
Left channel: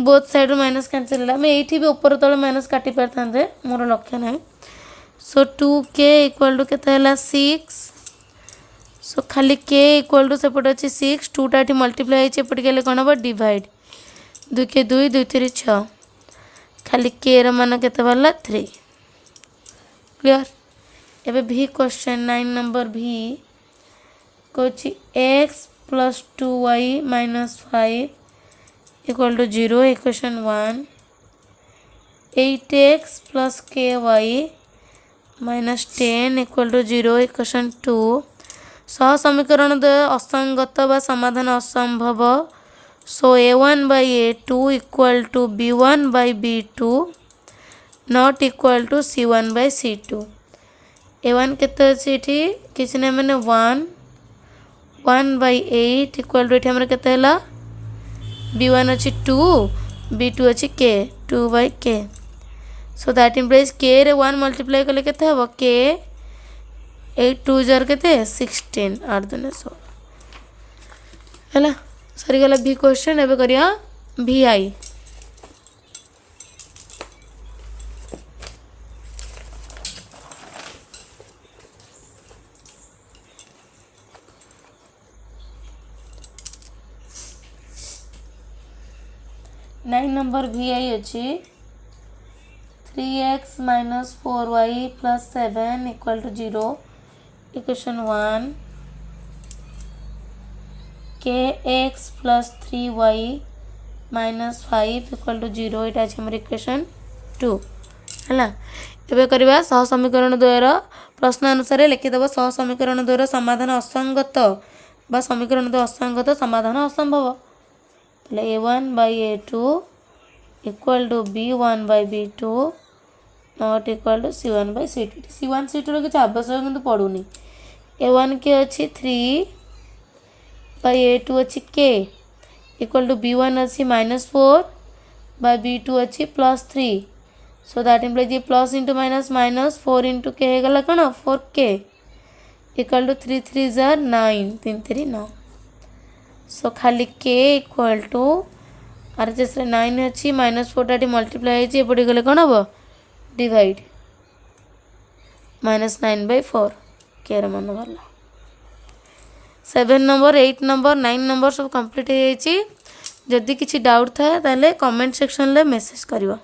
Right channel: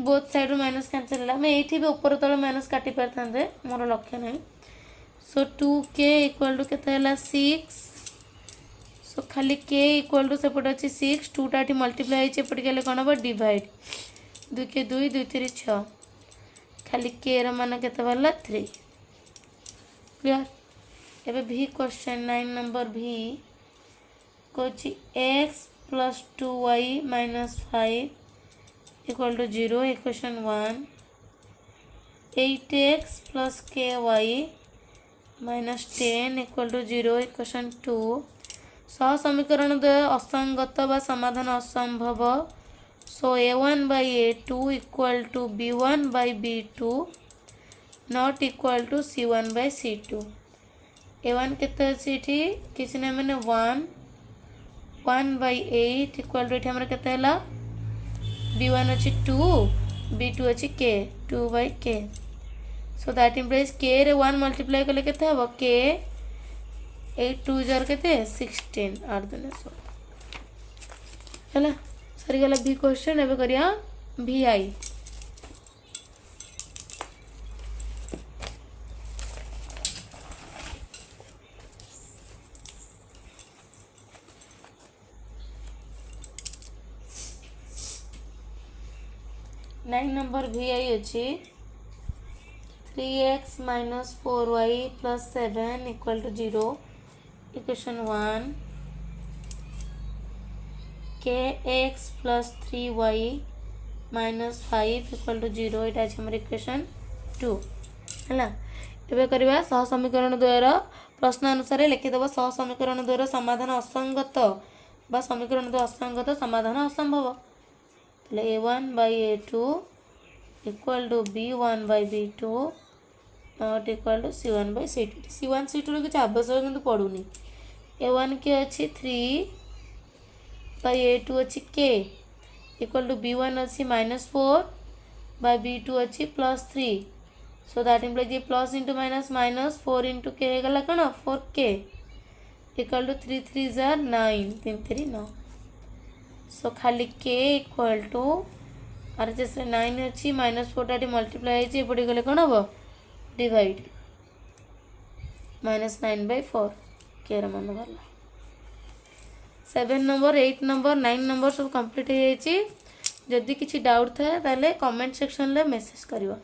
both side minus cancel है मैं ये भी ऊपर तले माइनस काटी पारते मोर लक्ष्य ना सो 2k इक्वल टू के 6 सो खाली k इक्वल टू सेपटे अच्छे 6 2टा ये मल्टीप्लाई होपटे गले कौन हम डिवाइड 2 के 2 2 3 6 खाली k मान के 3 क्लियर एबे भी क्वेश्चन 9 नंबर भी कौच x plus 2y minus 5 equal to 0 equation 1 8x plus ky minus 10 equal to 0 equation 2 सह समीकरण द्वय असंगत व समाधान असंभव so a1 by a2 equal to b1 by b2 not equal to c1 by c2 a1 केते अछि एठी किछि नै माने 1 by 8 इक्वल टू एठी हमर केते हला b1 अछि 2 b2 अछि k 2 by k so that implies k रे 1 मल्टीप्लाई कले केते हबो k 8 2 जार केते 16 आर देने सो हला सरी गला भी क्वेश्चन एबे करिया vi 9 नंबर vi अच्छी 3x minus 4y plus 7 equal to 0 equation 1 kx plus 3y minus 5 equal to 0 इटा अछि हमर इक्वेशन 2 हला एबे करबा सह समीकरण द्वयर प्रश्न अनुसार लिखि देबो सह समीकरण द्वयर समाधान असंगत बा समीकरण द्वय असंगत समाधान असंभव a1 by a2 equal to b1 by b2 not equal to c1 by c2 c1 c2 रो किछ आवश्यक किंतु पडुनी a1 के अछि 3 by a2 अछि k equal to b1 अछि -4 by b2 अछि +3 so that implies ये plus into minus minus 4 into k हे गला कोन 4k equal to 3 3 are 9 3 3 9 सो खाली k इक्वल टू आर जैसे 9 अच्छी -4 मल्टीप्लाई है पड़ी गले कौन हम डिवाइड -9/4 के मान वाला 7 नंबर 8 नंबर 9 नंबर सब कंप्लीट हो जाइए जदि किसी डाउट थाए ताले कमेंट सेक्शन ले मेसेज करियो।